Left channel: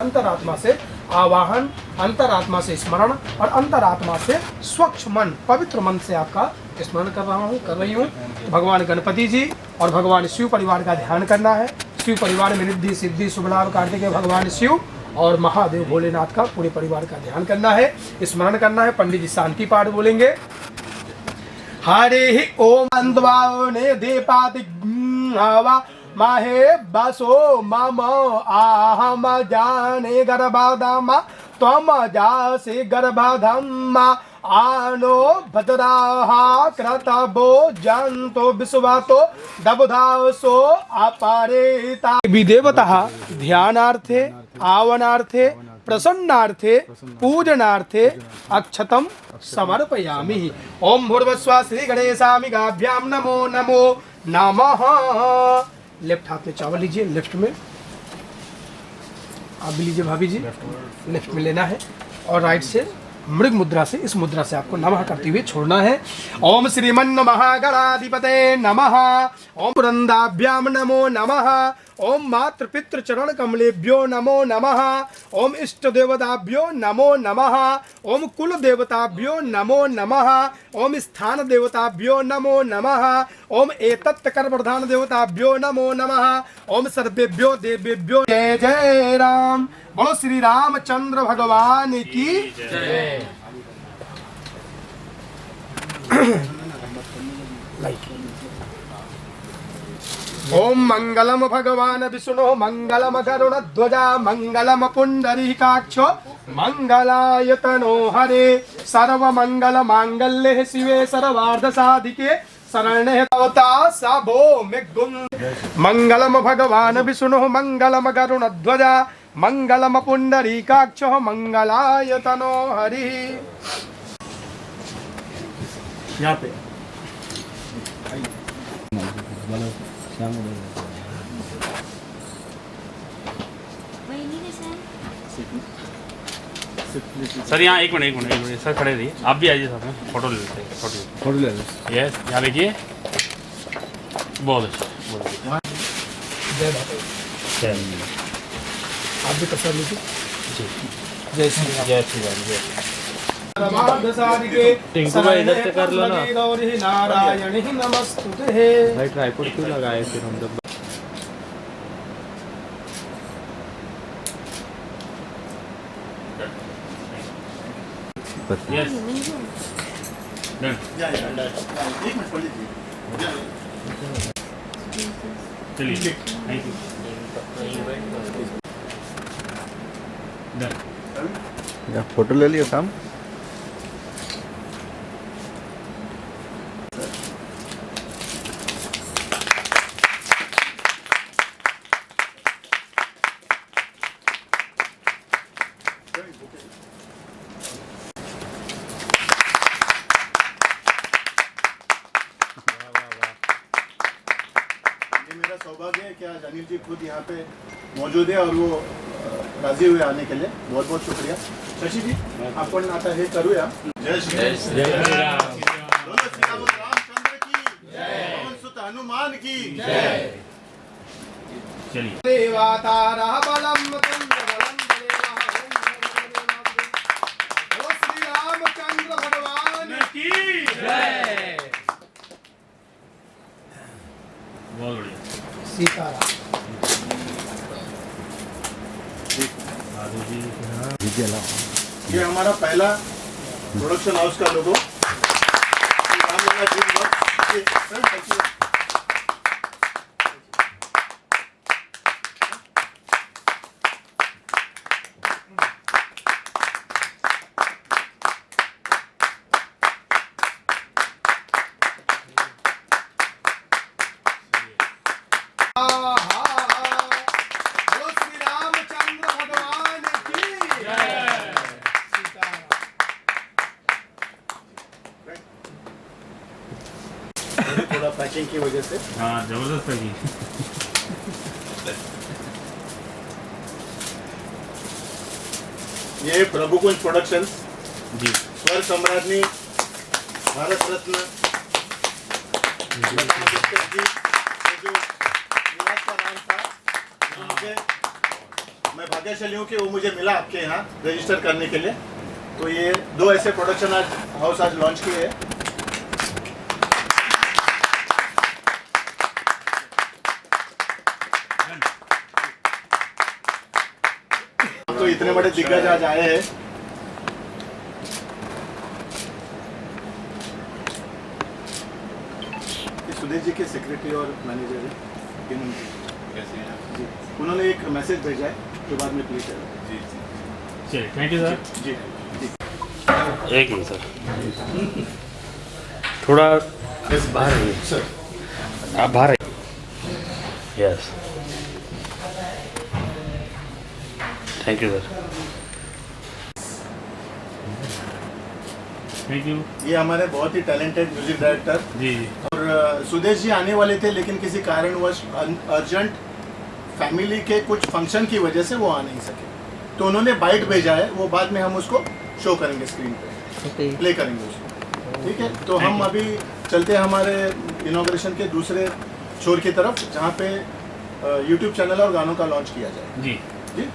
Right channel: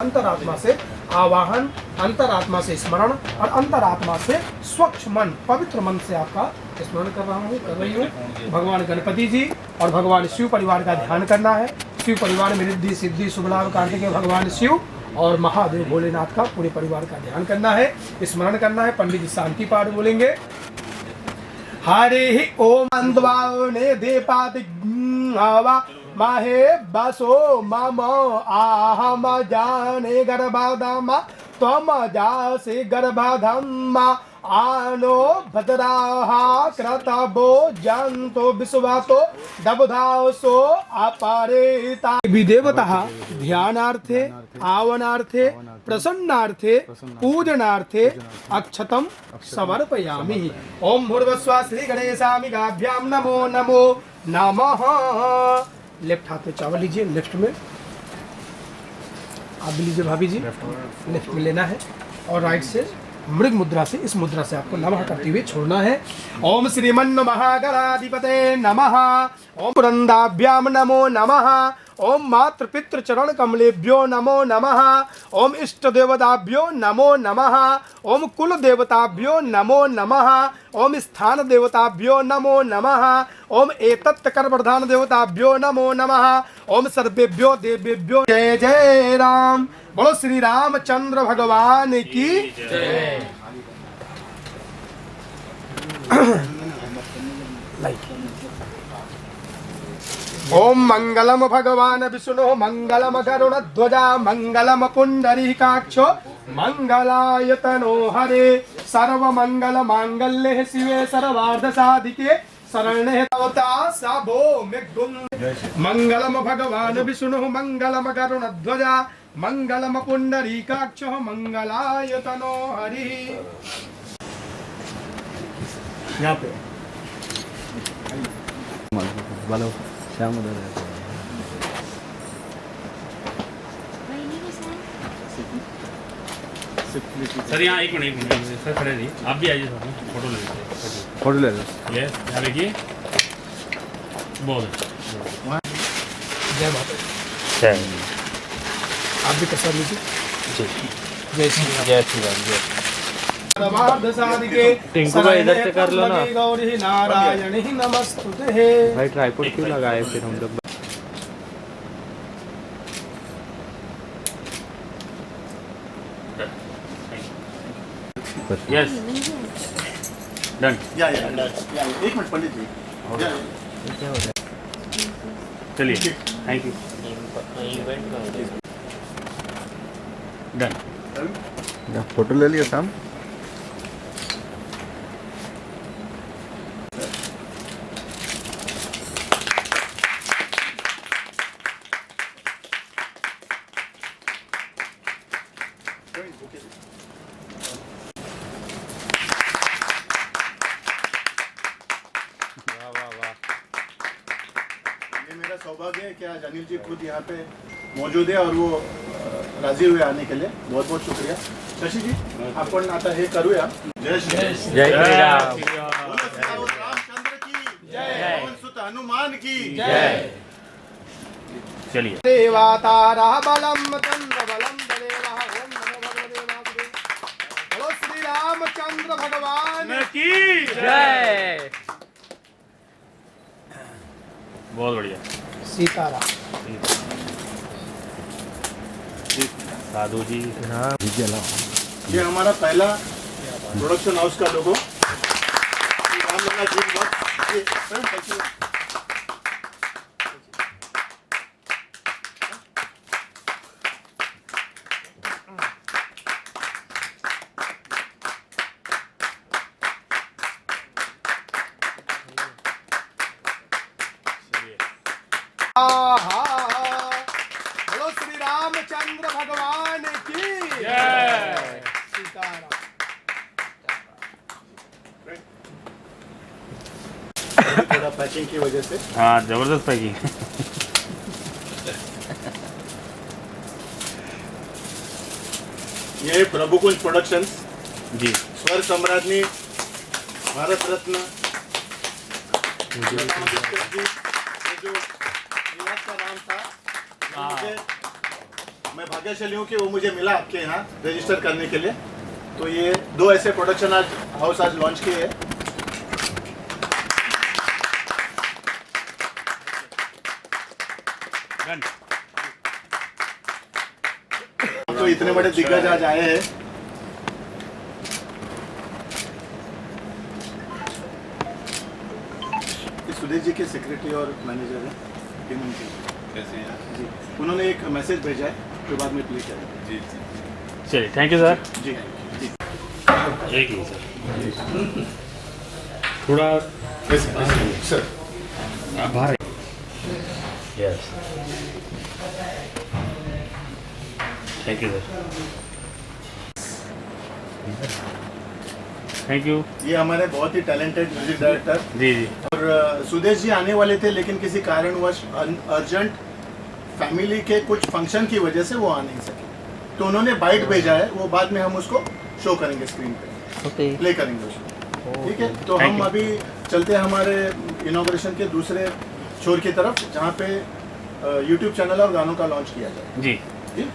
अंतरात्मा से आवाहन, अंतरात्मा से स्मरण और अंतरात्मा से स्वच्छ मन, पवित्र मन से आपका स्मरण कर रही हूँ। भगवान गणपति जी और भगवान शिव परिवार का ध्यान करना है। शिव परिवार में रिद्धि सिद्धि शुभ लाभ कार्तिकेय भगवान शिव और महादेव भोलेनाथ का पूरे परिवार का ध्यान करना है, स्मरण करना है। पंडित जी शांति पाठ बोलेंगे। हरे ओम अंधवाने देपाति हवा माहे बसो मम आहम जाने गर्भाधम त्वम जासि गर्भाधम आनो भद्राहा क्रतभो जंतो विश्वातो दबुधासो अपरेता विदेवतः ध्यानार्थे आवनार्थे प्रसन्नार्थे पूजनार्थे अक्षतम समर्पयामि। ओम भूर्भुवस्सुः श्री गणेशामि गाभ्यां नमो नमो नमः। लेफ्ट हाथ में चावल लीजिए, लेफ्ट में आप भी लीजिए भाभी जी, लेफ्ट में लेना है और राइट से मृग मुद्रा से, इस मुद्रा से आपको नमः करते हुए छोड़ना है। ओम श्रीमन् महागणाधिपते नमः। ओम पुरंदाभ्याम नमो नमः। ओम मातृ पितृ चरण कमलेभ्यो नमो नमः। ओम इष्ट देवताभ्यो नमो नमः। ओम कुल देवताभ्यो नमो नमः। ओम स्थान देवताभ्यो नमो नमः। ओम एतत् कर प्रधान देवताभ्यो नमो नमः। ओम सर्वेभ्यो देवेभ्यो जय जय राम। बोलो श्री रामचंद्र भगवान की जय। ओम मंगलम भगवान विष्णु मंगलम गरुण ध्वजा मंगलम पुंडरीकाक्षो मंगलायतनो हरे सर्व मंगल मांगल्ये शिवे सर्वार्थ साधिके शरण्ये त्र्यंबके सबो मेघुम। मंगलम भगवान विष्णु मंगलम गरुण ध्वजा मंगलम पुंडरीकाक्षो मंगलायतनो हरि। यहाँ पे सर यहाँ एक मिनट सर खड़े रहिए, आप भी आइए सर, फोटो ले लीजिए, फोटो ले लीजिए। यस, यहाँ देखिए, बहुत अच्छा। जय माता, आप भी प्रसाद लीजिए। जय श्री राम, जय श्री राम, जय परमार्थ साधिके शरण्ये त्र्यंबके गौरी नारायणी नमस्तुते। भाई ट्राइपॉड क्यों लगाए फिर हम जब यस डन। एक मिनट पंडित जी, चलिए, थैंक यू, डन। फोटो ले लिया शाम। ये मेरा सौभाग्य है कि आज अनिल जी खुद यहाँ पे मौजूद है और वो राजी हुए आने के लिए। बहुत बहुत शुक्रिया। शशि जी, आपण आता हे करूया। जय श्री राम। बोलो श्री रामचंद्र की जय। पवन सुत हनुमान की जय। चलिए, देवातारा बलम तंत्र बलम देवा ओम नमो भगवते वासुदेवाय। बोलो श्री रामचंद्र भगवान की जय। बहुत बढ़िया। सीताराम। साधु जी, हाँ ये हमारा पहला प्रोडक्शन हाउस का लोगो रामलला ड्रीम वर्क्स। बोलो श्री रामचंद्र भगवान की जय। सीताराम। थोड़ा पैकिंग की वजह से हाँ जबरदस्त पैकिंग। ये प्रभुकुंज प्रोडक्शंस जी, स्वर सम्राज्ञी भारत रत्न लता मंगेशकर जी, जो निवास का नाम था, मुझे मैं भाग्यशाली हूँ कि वो मुझे मिला आपके यहाँ रजिस्टर करने के लिए। तो ये 2 ऐसे प्रोडक्शन आज हाउस आज लॉन्च किए हैं। तो इतने बड़े दिग्गज आज आए हैं। सुदेश जी के सेक्रेटरी और मैनेजर हैं हेमंत जी। कैसे हैं आप? जी, उन्होंने एक मैसेज भेजा है जो बाद में प्लीज करें। जी जी चलिए थैंक यू सर। जी जी एक ही सर, थोड़ा बाहर आइए। सर आप बाहर आइए। Yes thank you sir. Thank you. ये हमारे बहुत ही टैलेंटेड म्यूजिक डायरेक्टर जी जी और सुदेश जी आने वाले थे, लेकिन किसी कारणवश अर्जेंट फैमिली के कुछ फंक्शन की वजह से वो आ नहीं सके। तो उन्होंने बाइट भेजा है, वो बाद में हम उसको शो करेंगे स्क्रीन पे, प्ले करेंगे उसको। ठीक है, तो हम अभी चलते हैं हमारे इनॉग्रेशन के दूसरे छोर की तरफ, जहाँ पे यूट्यूब चैनल और गानों का लॉन्च किया जाए। जी जी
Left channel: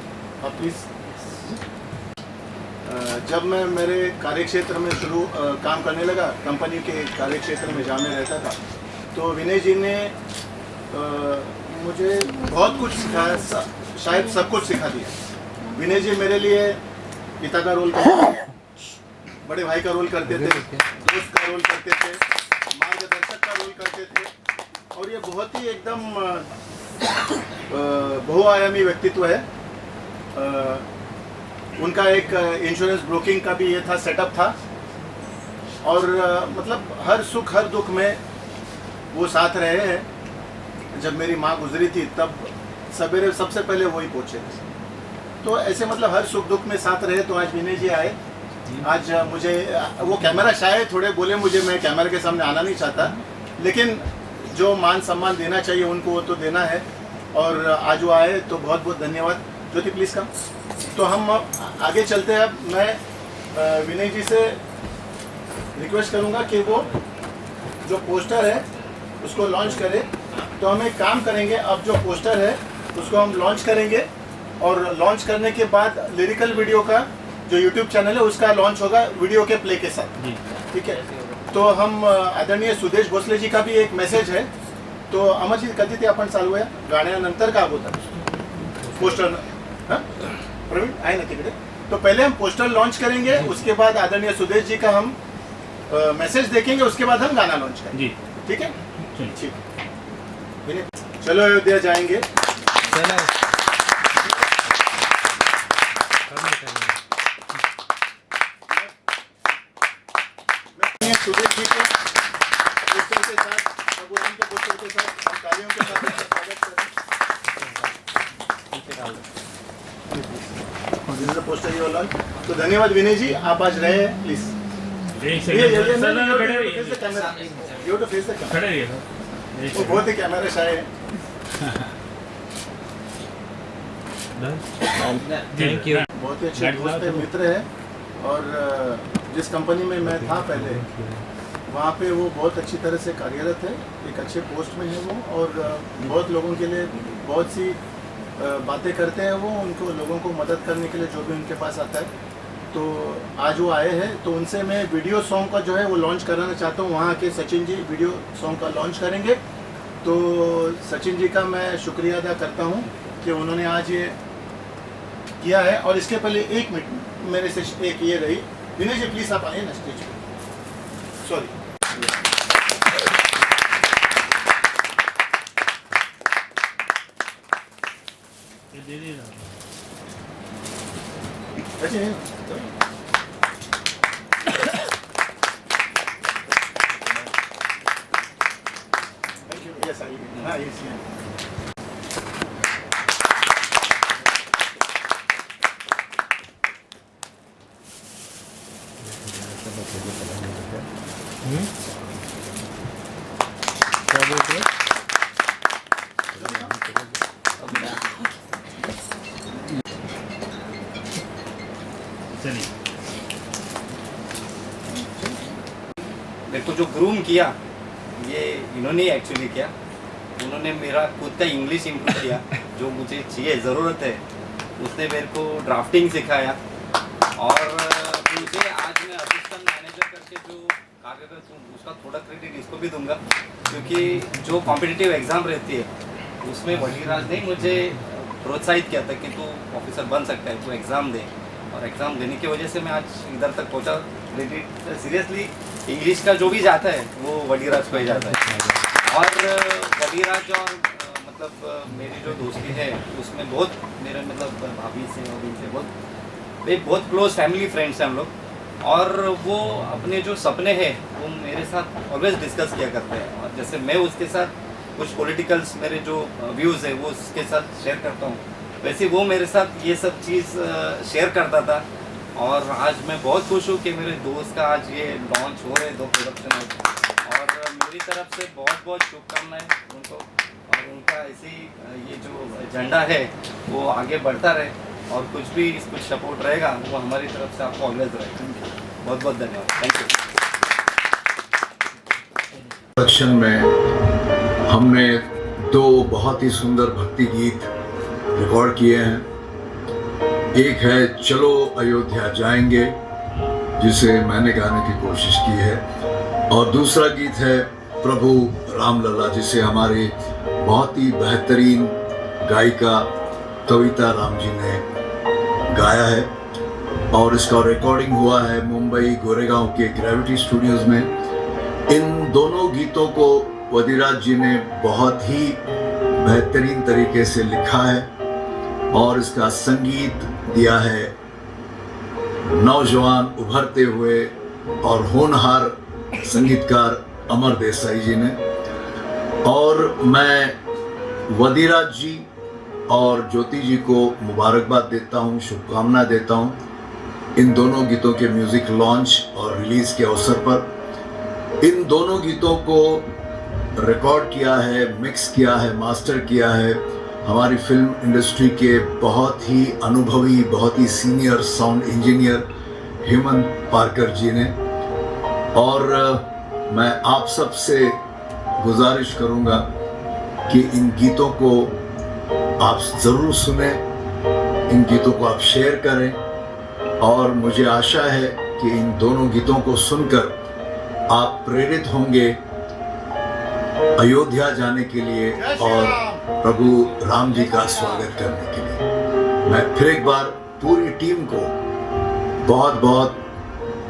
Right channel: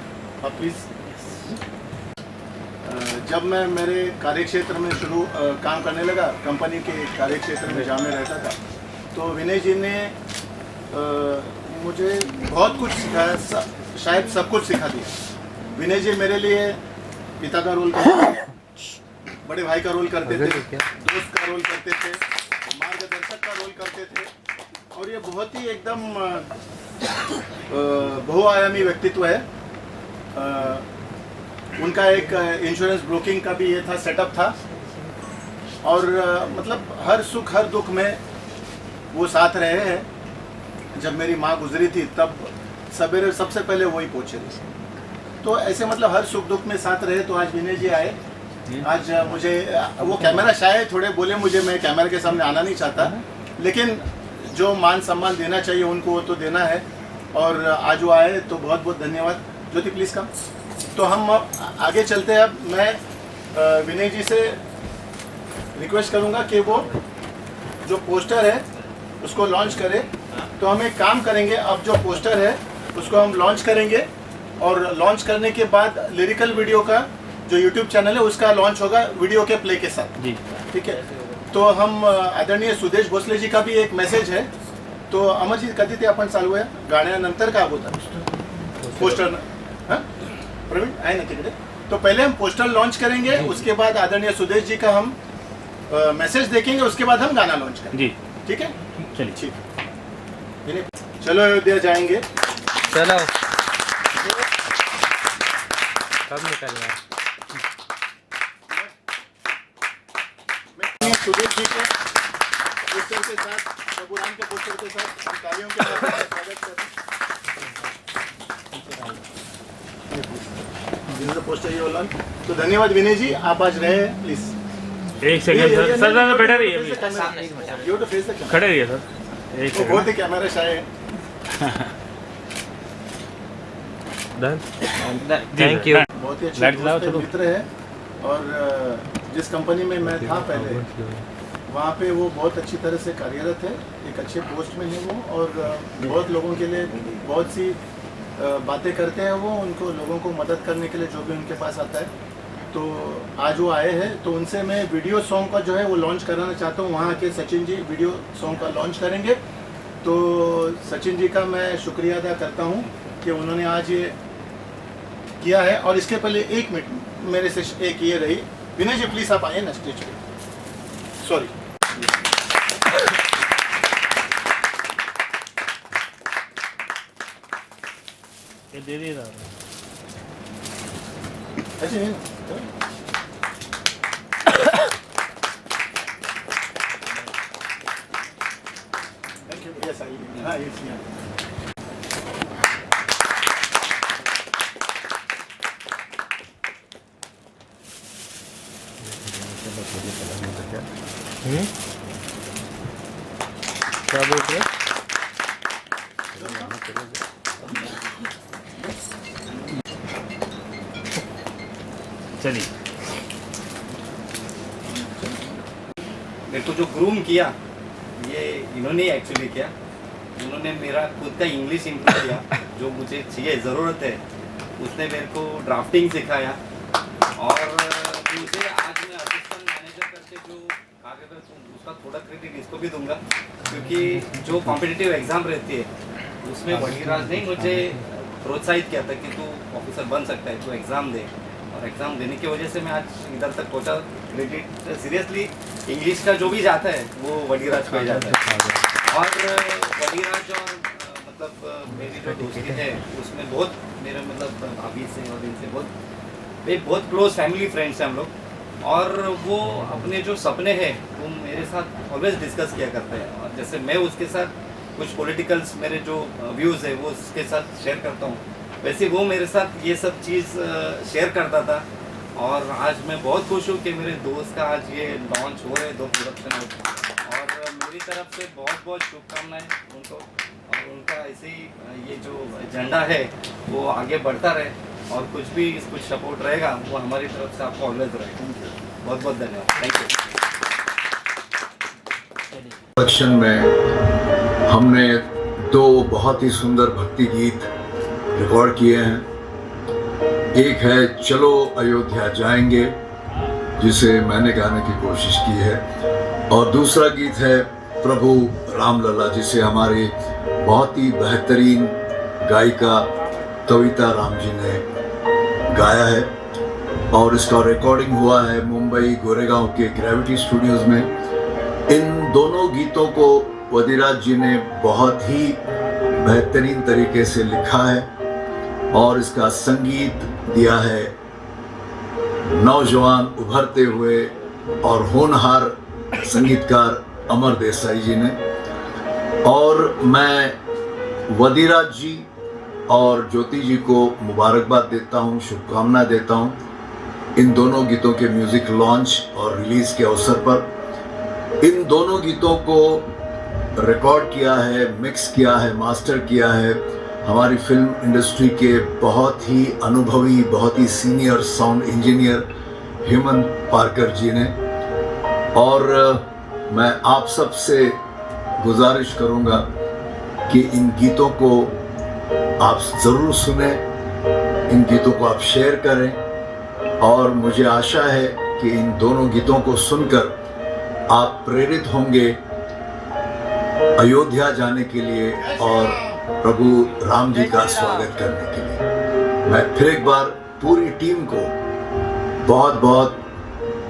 आप प्लीज। जब मैं मेरे कार्यक्षेत्र में काम करने लगा, कंपनी के कार्यक्षेत्र में जहाँ मैं रहता था, तो विनय जी ने मुझे बहुत कुछ सिखाया, शायद सब कुछ सिखा दिया। विनय जी मेरे लिए पिता का रोल करते थे, बड़े भाई का रोल करते थे, दोस्त का रोल करते थे, मार्गदर्शक का रोल करते थे। और ये बहुत ही एकदम बहुआयामी व्यक्तित्व है। उनका एक इंश्योरेंस ब्रोकिंग का भी ये था, सेटअप था। और मतलब हर सुख हर दुख में वो साथ रहे हैं। जब मेरी माँ गुजरी थी तब सवेरे सबसे पहले वही पहुंचे थे। तो ऐसे मतलब हर सुख दुख में साथ रहे। तो आज विनय जी आए। आज मुझे वो कैमरा शायद थोड़े बोले मुझे, मैं कैमरा के सामने आना नहीं चाहता, लेकिन जो मान सम्मान देना चाहिए उनको वो तो देना है। और आज वो आए तो बहुत बहुत धन्यवाद। ज्योति प्लीज़ कम। तो हम आगे चलते हैं। अब मैं विनय जी से रिक्वेस्ट करूंगा कि वो जो पोस्टर है उसको लॉन्च करे। तो हम एक काम करेंगे, अब जो पोस्टर है उसको हम लॉन्च करेंगे और लॉन्च करने के बाद लिरिकल वीडियो का जो यूट्यूब चैनल है उसका लॉन्च होगा वीडियो के प्ले के साथ। ठीक है, तो हम आदरणीय सुदेश भोसले जी का भी एक मेसेज है। तो अमर जी कधी ते आपण चालू आहे गाण्यानंतर का होता पोस्टर? हाँ प्रवीण आहे ना तिकडे? तो पहले हम पोस्टर लॉन्च करेंगे, उसके बाद आदरणीय सुदेश जी का हम मैसेज देखेंगे, उसके बाद हम गाना लॉन्च करेंगे। जी ठीक है, चलिए ठीक है। चलो अयोध्या जाएंगे। चलो कब निकलना है? मैं सुदेश जी को पोस्टर के साथ, प्रभु राम के पोस्टर के साथ तालियों के साथ स्वागत करें। This is the poster you launch. तो धन्यवाद विनय जी, आप आज रहे प्लीज। एक सेकंड सर, मैं बैठा रहिए। You to face the camera. खड़े रहिए सर। एक वो बहुत ही कैमरा शाय है। Thank you. बहुत ही अच्छे दोस्त है, मित्र है। और जिस कंपनी में मैं था पहले, वहाँ पे वो बहुत अच्छी तरह से कार्यरत है, एक अच्छे पोस्ट में है वो। और बहुत लोगों के लिए बहुत सी बातें करते हैं वो, उनको लोगों को मदद करने के लिए जो भी उनके पास आता है। तो आज वो आए हैं, तो उनसे मैं वीडियो सॉन्ग का जो है वो लॉन्च कराना चाहता हूँ। वहाँ के सचिन जी वीडियो सॉन्ग का लॉन्च करेंगे। तो सचिन जी का मैं शुक्रिया अदा करता हूँ कि उन्होंने आज ये किया है। और इसके पहले 1 मिनट मेरे से एक ये रही, विनय जी प्लीज आप आइए ना स्टेज पे। सॉरी दे दीजिए। अच्छा नहीं थैंक यू। यस आई हाँ यस क्या बोल रहे? चलिए मेरे को जो ग्रूम किया ये इन्होंने एक्चुअली किया। उन्होंने मेरा खुद का इंग्लिश इम्प्रूव किया, जो मुझे चाहिए ज़रूरत है उसने मेरे को ड्राफ्टिंग सिखाया और मुझे आज मैं असिस्टेंट मैनेजर करके जो कार्यरत हूँ उसका थोड़ा क्रेडिट इसको भी दूंगा, क्योंकि जो कॉम्पिटिटिव एग्ज़ाम रहती है उसमें वहीराज ने मुझे प्रोत्साहित किया था कि तू ऑफिसर बन सकता है, तू एग्ज़ाम दे, और एग्ज़ाम देने की वजह से मैं आज इधर तक पहुँचा। क्रेडिट सीरियसली इंग्लिश का जो भी जाता है वो वहीराज को ही जाता है। और वहीराज और मतलब मेरी जो दोस्ती है उसमें बहुत मेरे मतलब भाभी से और इनसे बहुत क्लोज फैमिली फ्रेंड्स हैं हम लोग, और वो अपने जो सपने हैं वो मेरे साथ ऑलवेज डिस्कस किया करते हैं, और जैसे मैं उसके साथ कुछ पॉलिटिकल्स मेरे जो व्यूज़ है वो उसके साथ शेयर करता हूँ, वैसे वो मेरे साथ ये सब चीज़ शेयर करता था। और आज मैं बहुत खुश हूँ कि मेरे दोस्त का आज ये लॉन्च हो रहे 2 प्रोडक्शन और मेरी तरफ से बहुत बहुत शुभकामनाएं उनको, और उनका ऐसे ही ये जो एजेंडा है वो आगे बढ़ता रहे, और कुछ भी कुछ सपोर्ट रहेगा वो हमारी तरफ से आपको ऑलवेज रहेगा। बहुत बहुत धन्यवाद, थैंक यू। प्रोडक्शन में हमने 2 बहुत ही सुंदर भक्ति गीत रिकॉर्ड किए हैं। एक है चलो अयोध्या जाएंगे, जिसे मैंने गाने की कोशिश की है, और दूसरा गीत है प्रभु रामलला, जिसे हमारी बहुत ही बेहतरीन गायिका कविता राम जी ने गाया है, और इसका रिकॉर्डिंग हुआ है मुंबई गोरेगांव के ग्रेविटी स्टूडियोज में। इन दोनों गीतों को वदिराज जी ने बहुत ही बेहतरीन तरीके से लिखा है, और इसका संगीत दिया है नौजवान उभरते हुए और होनहार संगीतकार अमर देसाई जी ने। और मैं वदिराज जी और ज्योति जी को मुबारकबाद देता हूँ, शुभकामनाएं देता हूँ इन दोनों गीतों के म्यूज़िक लॉन्च और रिलीज़ के अवसर पर। इन दोनों गीतों को रिकॉर्ड किया है, मिक्स किया है, मास्टर किया है हमारी फिल्म इंडस्ट्री के बहुत ही अनुभवी, बहुत ही सीनियर साउंड इंजीनियर हेमंत पारकर जी ने। और मैं आप सब से गुजारिश करूंगा कि इन गीतों को आप ज़रूर सुने, इन गीतों को आप शेयर करें, और मुझे आशा है कि इन दोनों गीतों को सुनकर आप प्रेरित होंगे अयोध्या जाने के लिए और प्रभु राम जी का स्वागत करने के लिए। मैं फिर एक बार पूरी टीम को बहुत बहुत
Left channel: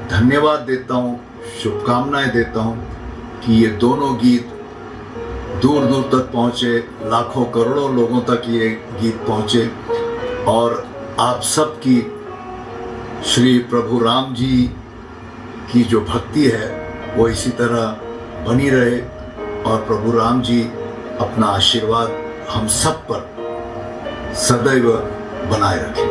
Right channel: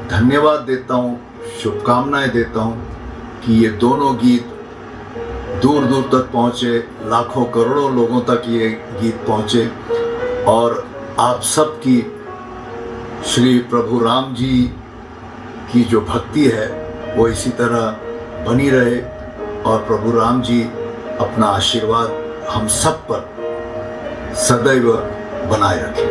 धन्यवाद देता हूँ, शुभकामनाएं देता हूँ कि ये दोनों गीत दूर दूर तक पहुँचे, लाखों करोड़ों लोगों तक ये गीत पहुँचे, और आप सबकी श्री प्रभु राम जी की जो भक्ति है वो इसी तरह बनी रहे, और प्रभु राम जी अपना आशीर्वाद हम सब पर सदैव बनाए रखें।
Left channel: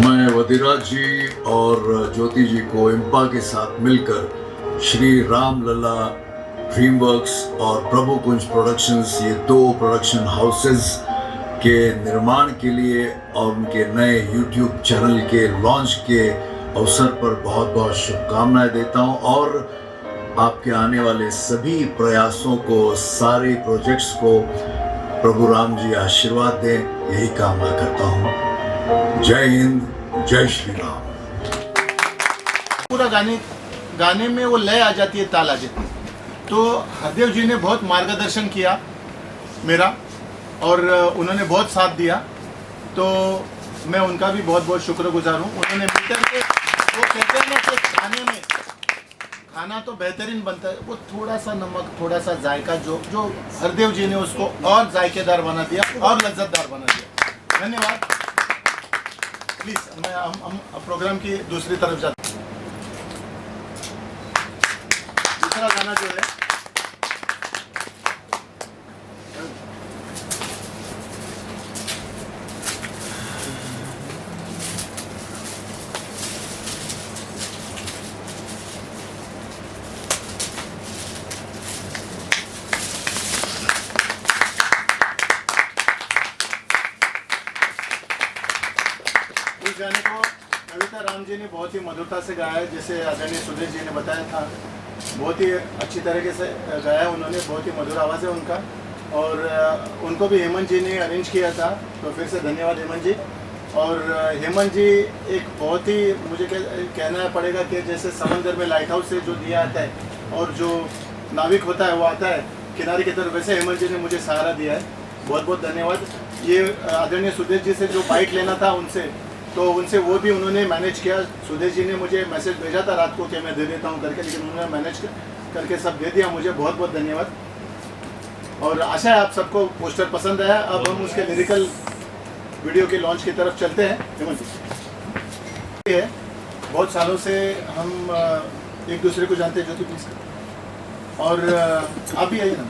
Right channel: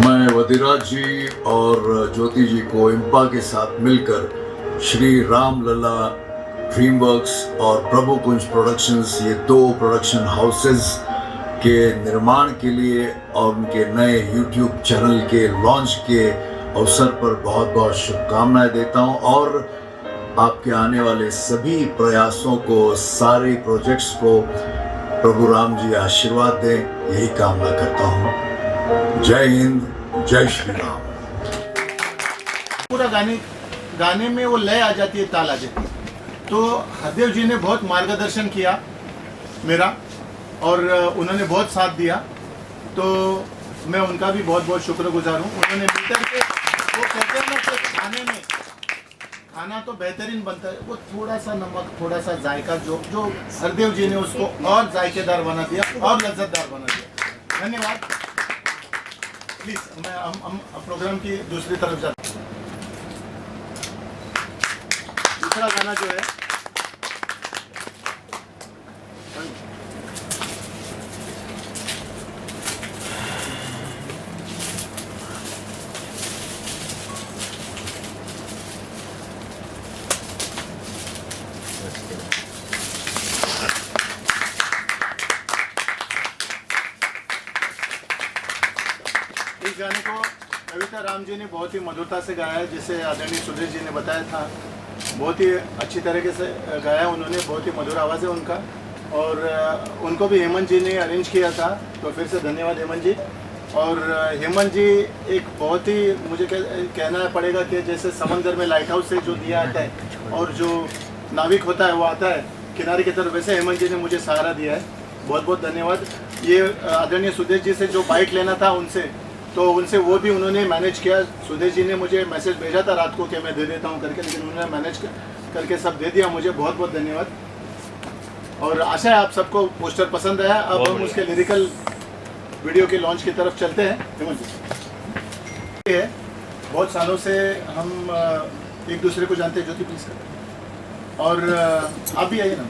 मैं वदिराज जी और ज्योति जी को इम्पा के साथ मिलकर श्री राम लला ड्रीमवर्क्स और प्रभु कुंज प्रोडक्शंस, ये 2 प्रोडक्शन हाउसेस के निर्माण के लिए और उनके नए यूट्यूब चैनल के लॉन्च के अवसर पर बहुत बहुत शुभकामनाएं देता हूं, और आपके आने वाले सभी प्रयासों को, सारे प्रोजेक्ट्स को प्रभु राम जी आशीर्वाद दें, यही कामना करता हूँ। जय हिंद, जय श्री राम। पूरा गाने में वो लय आ जाती है, ताल आ जाती है। तो हरदेव जी ने बहुत मार्गदर्शन किया मेरा, और उन्होंने बहुत साथ दिया, तो मैं उनका भी बहुत बहुत शुक्रगुजार हूँ। उन्होंने मिलकर के, वो कहते हैं ना कि खाने में खाना तो बेहतरीन बनता है, वो थोड़ा सा नमक, थोड़ा सा जायका जो हरदेव जी ने उसको और जायकेदार बना दिया और लज्जतदार बना दिया। धन्यवाद। प्लीज हम प्रोग्राम की दूसरी तरफ जाते हैं। दूसरा गाना जो है इस गाने को कविता राम जी ने बहुत ही मधुरता से गाया है, जैसे आदरणीय सुधीर जी ने बताया था, बहुत ही अच्छी तरीके से गाया उन्होंने, बहुत ही मधुर आवाज़ है उनका। और उनको भी हेमंत जी ने अरेंज किया था, तो फिर से धन्यवाद हेमंत जी। और हेमंत जी एक बहुत ही मुझे कहना पड़ेगा कि जैसे समंदर में लाइट हाउस से जो दिया आता है और जो नाविक होता है वो आता है किनारे की तरफ, वैसे हेमंत जी ने मुझे सहारा दिया है। बहुत बहुत धन्यवाद। ये आदरणीय सुदेश जी से जो बाइक लेना था उनसे वो भी उन्होंने मैनेज किया। सुदेश जी ने मुझे मैसेज भेजा था रात को कि मैं दे देता हूँ करके, लेकिन उन्होंने मैनेज करके सब दे दिया। मुझे बहुत बहुत धन्यवाद। और आशा है आप सबको पोस्टर पसंद आया। अब हम उसके लिरिकल वीडियो के लॉन्च की तरफ चलते हैं। हेमंत जी है, बहुत सालों से हम एक दूसरे को जानते हैं। ज्योति प्लीज कर। और आप भी आइए ना।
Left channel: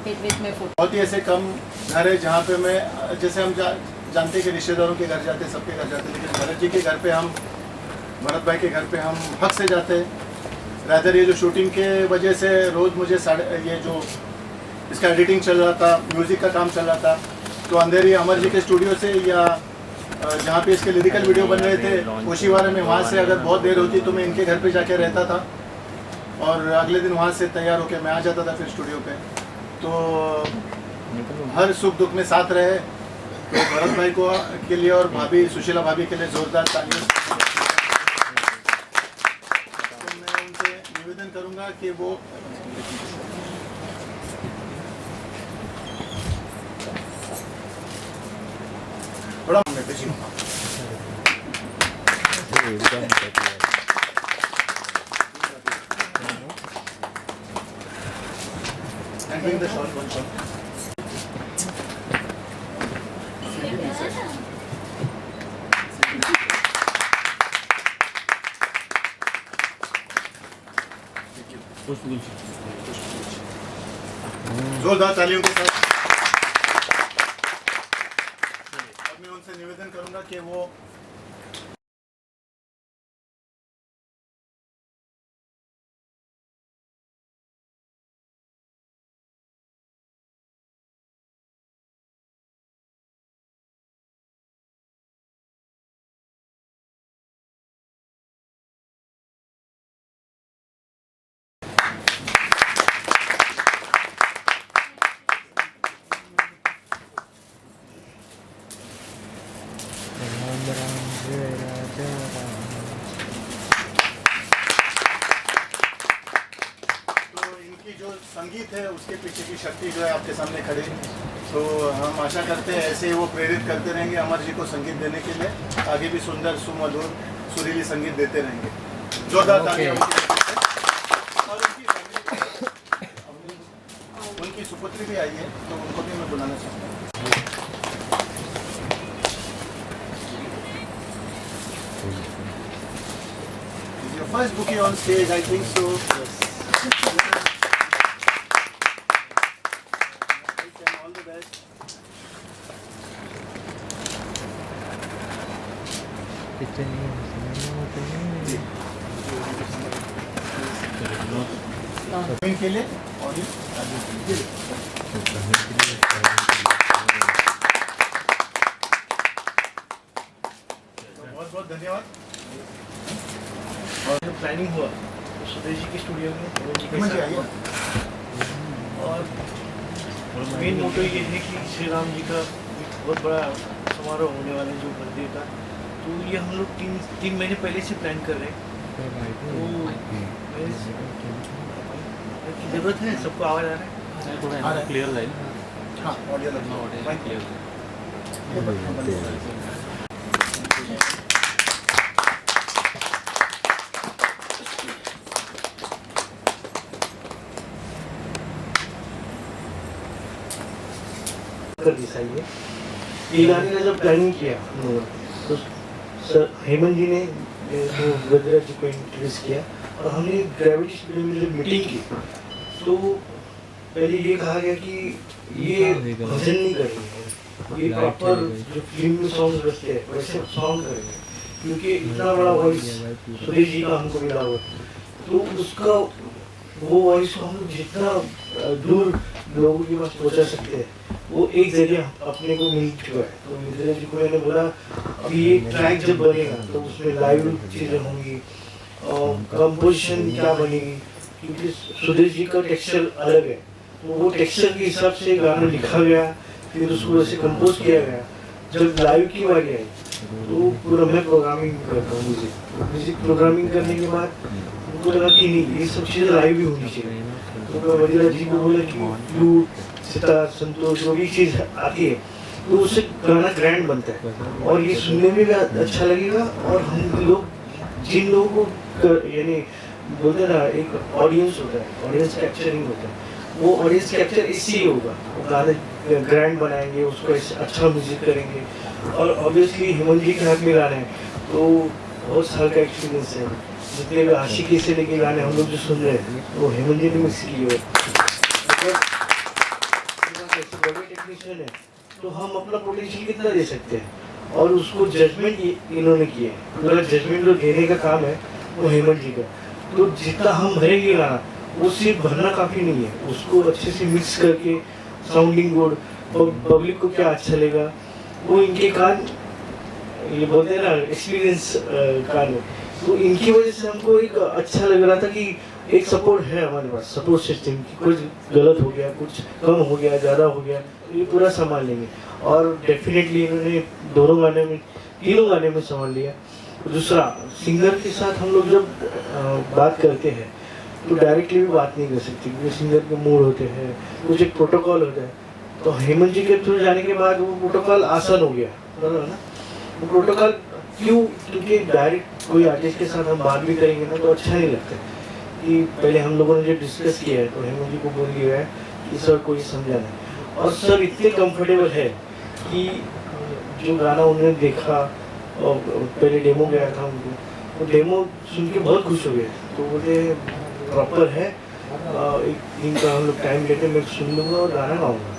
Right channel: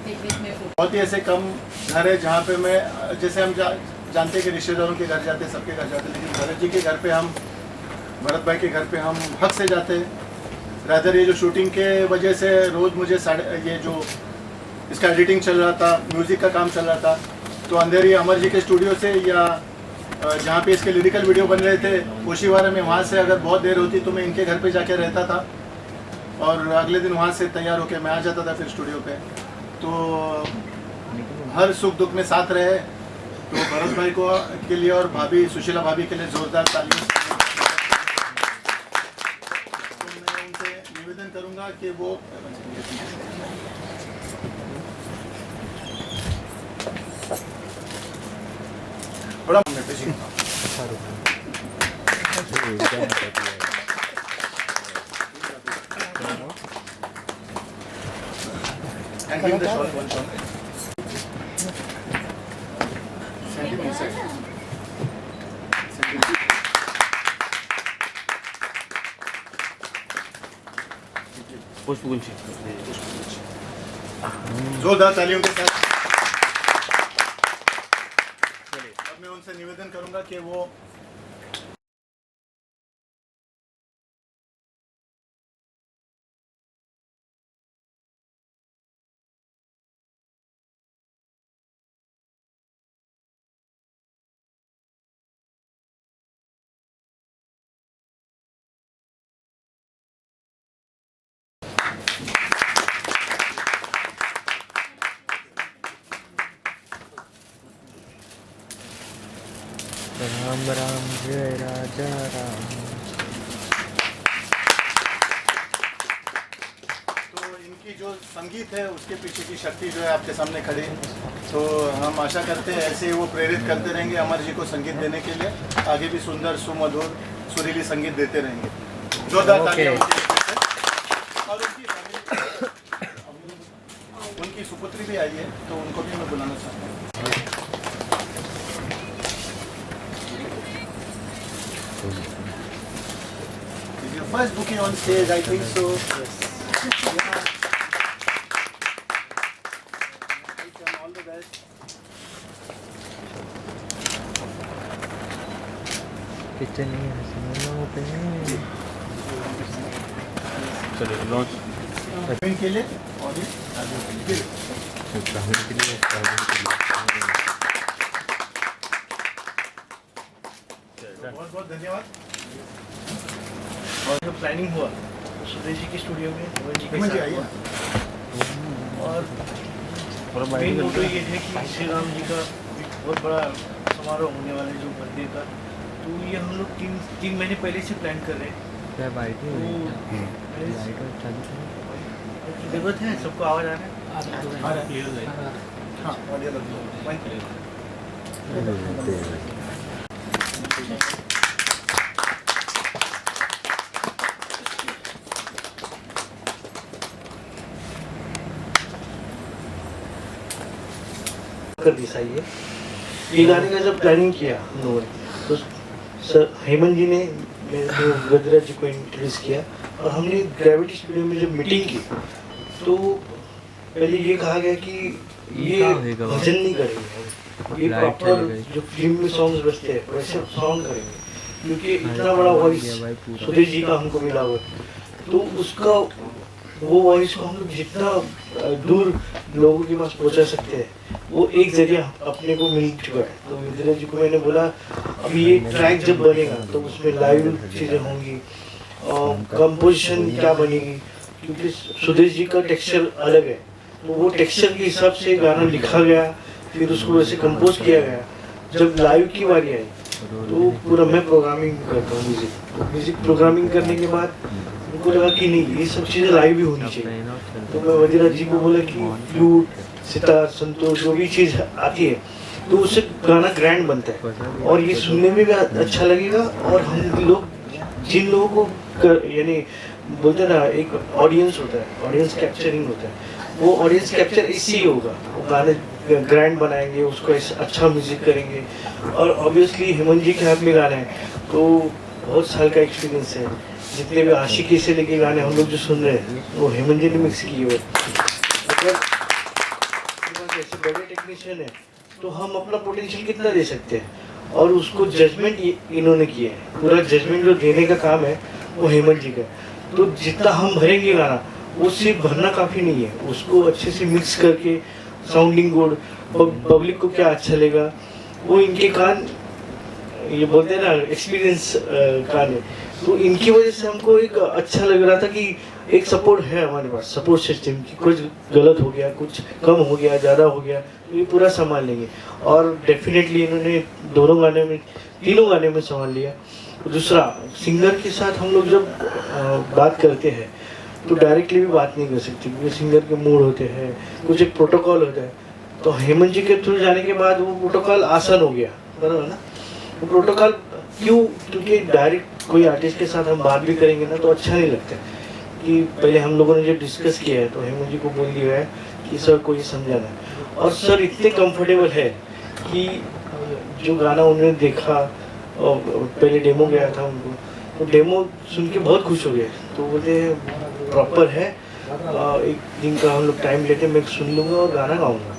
बहुत ही ऐसे कम घर है जहाँ पे मैं, जैसे हम जानते हैं कि रिश्तेदारों के घर जाते हैं, सबके घर जाते हैं, लेकिन भरत जी के घर पे हम, भरत भाई के घर पे हम हक से जाते हैं। रादर ये जो शूटिंग के वजह से रोज़ मुझे ये जो इसका एडिटिंग चल रहा था, म्यूज़िक का काम चल रहा था, तो अंधेरी अमर जी के स्टूडियो से या जहाँ पे इसके लिरिकल वीडियो बन रहे थे कोशीवारा में, वहाँ से अगर बहुत देर होती तो मैं इनके घर पे जाके रहता था और अगले दिन वहाँ से तैयार होकर मैं आ जाता था फिर स्टूडियो पे। तो हर सुख दुख में साथ रहे। तो भरत भाई को के लिए और भाभी सुशीला भाभी के लिए जोरदार तालियां। तो मैं उनसे निवेदन करूंगा कि वो थोड़ा and bring the shawl, one shawl. Send him inside. Send him. जोरदार तालियों के साथ। अब मैं उनसे निवेदन करूंगा कि वो राम राम जय राजा राम। तो इनकी जो संगीत है उसके पीछे की शक्ति जो है आपके सामने खड़ी है। तो हम आशा करते हैं ऐसे ही वो प्रेरित करते रहेंगे अमर जी को संगीत देने के लिए, आगे भी सुंदर सुमधुर सुरीली संगीत देते रहेंगे। जोरदार तालियां और उनकी सुपुत्री भी आई है, तो उनको भी मैं बुलाना चाहता हूँ। First booking on stage, I think so. Yeah. And all the best. के लिए और बहुत बहुत धन्यवाद। और जो प्लानिंग हुआ तो सुदेश जी के स्टूडियो में हेमंत जी के साथ हुआ। और मेन मोटो ये है कि श्री राम जी का एक बहुत बड़ा समारोह होने वाला है जो बर्थडे का, तो ये हम लोग तीन महीने पहले से प्लान कर रहे हैं। तो जरूरत है, सबको आवाज़ आ रहा है? Clear line. हाँ, ऑडियो लगता है। कर दिखाइए। ये गाने का जब प्लानिंग किया हम लोगों ने तो सर हेमंत जी ने गजराज जी को इंट्रोड्यूस किया और हमने ग्रेविटी स्टूडियो में जब मीटिंग की तो पहले ये कहा गया कि ये भजन नहीं करेंगे, ये प्रॉपर जो फिल्म में सॉन्ग बजते हैं वैसे सॉन्ग करेंगे, क्योंकि इतना बड़ा वॉइस सुदेश जी का हमको मिला हुआ, तो उसका वो वॉइस को हम लोग जितना दूर लोगों के पास पहुंचा सकते हैं वो एक जरिया अपने को मिल चुका है। तो मिश्रा जी को मैंने बोला अभी ये ट्रैक जब बनेगा तो उसमें लाइव चीज़ें होंगी और कंपोजिशन क्या बनेगी, क्योंकि सुदेश जी का टेक्सचर अलग है, तो वो टेक्सचर के हिसाब से गाना लिखा गया, फिर उसको वैसे कंपोज किया गया। जब लाइव की बारी आई तो पूरा मैं प्रोग्रामिंग करता हूँ म्यूजिक प्रोग्रामिंग करने के बाद उनको लगा कि नहीं ये सब चीज़ें लाइव भी होनी चाहिए। तो मैं वजीरा जी को बोला कि फ्लूट सितार संतोष जो भी चीज़ आती है तो उससे गाना ग्रैंड बनता है और ये सुनने में भी अच्छा लगेगा और हम लोग जिन लोगों को यानी बोलते हैं ना एक ऑडियंस होता है, ऑडियंस कैप्चरिंग होता है, वो ऑडियंस कैप्चर इससे ही होगा। वो गाने ग्रैंड बनाएंगे, उसको अच्छा म्यूजिक करेंगे और ऑब्वियसली हेमंत जी के हाथ में गाने हैं तो बहुत साल का एक्सपीरियंस है। जितने भी आशिकी से लेके गाने हम लोग जो सुन रहे हैं वो हेमंत जी ने मिक्स किए हुए। मतलब ऐसे बड़े टेक्नीशियन है तो हम अपना पोटेंशियल कितना दे सकते हैं और उसको जजमेंट इन्होंने किया है। पूरा जजमेंट जो देने का काम है वो हेमंत जी का। तो जितना हम भरेंगे गाना वो सिर्फ भरना काफ़ी नहीं है, उसको अच्छे से मिक्स करके साउंडिंग गुड पब्लिक को क्या अच्छा लगेगा वो इनके कान ये बोलते हैं ना एक्सपीरियंस कान है। तो इनकी वजह से हमको एक अच्छा लग रहा था कि एक सपोर्ट है हमारे पास, सपोर्ट सिस्टम की कुछ गलत हो गया कुछ कम हो गया ज़्यादा हो गया ये पूरा संभाल लेंगे और डेफिनेटली इन्होंने दोनों गाने में तीनों गाने में संभाल लिया। दूसरा सिंगर के साथ हम लोग जब बात करते हैं तो डायरेक्टली भी बात नहीं कर सकते क्योंकि सिंगर के मूड होते हैं, कुछ एक प्रोटोकॉल होता है। तो हेमंत जी के थ्रू जाने के बाद वो प्रोटोकॉल आसान हो गया, बराबर ना। वो प्रोटोकॉल क्यों, क्योंकि डायरेक्ट कोई आर्टिस्ट के साथ हम बात भी करेंगे ना तो अच्छा नहीं लगता कि पहले हम लोगों ने जो डिस्कस किया है तो हेमंत जी को बोल दिया है कि सर को ये समझाना है और सर इतने कंफर्टेबल है कि जो गाना उन्होंने देखा और पहले डेमो गया था उनको, वो डेमो सुन के बहुत खुश हो गए। तो बोलते प्रॉपर है, एक दिन का हम लोग टाइम लेते मैं सुन लूँगा और गाना गाऊँगा।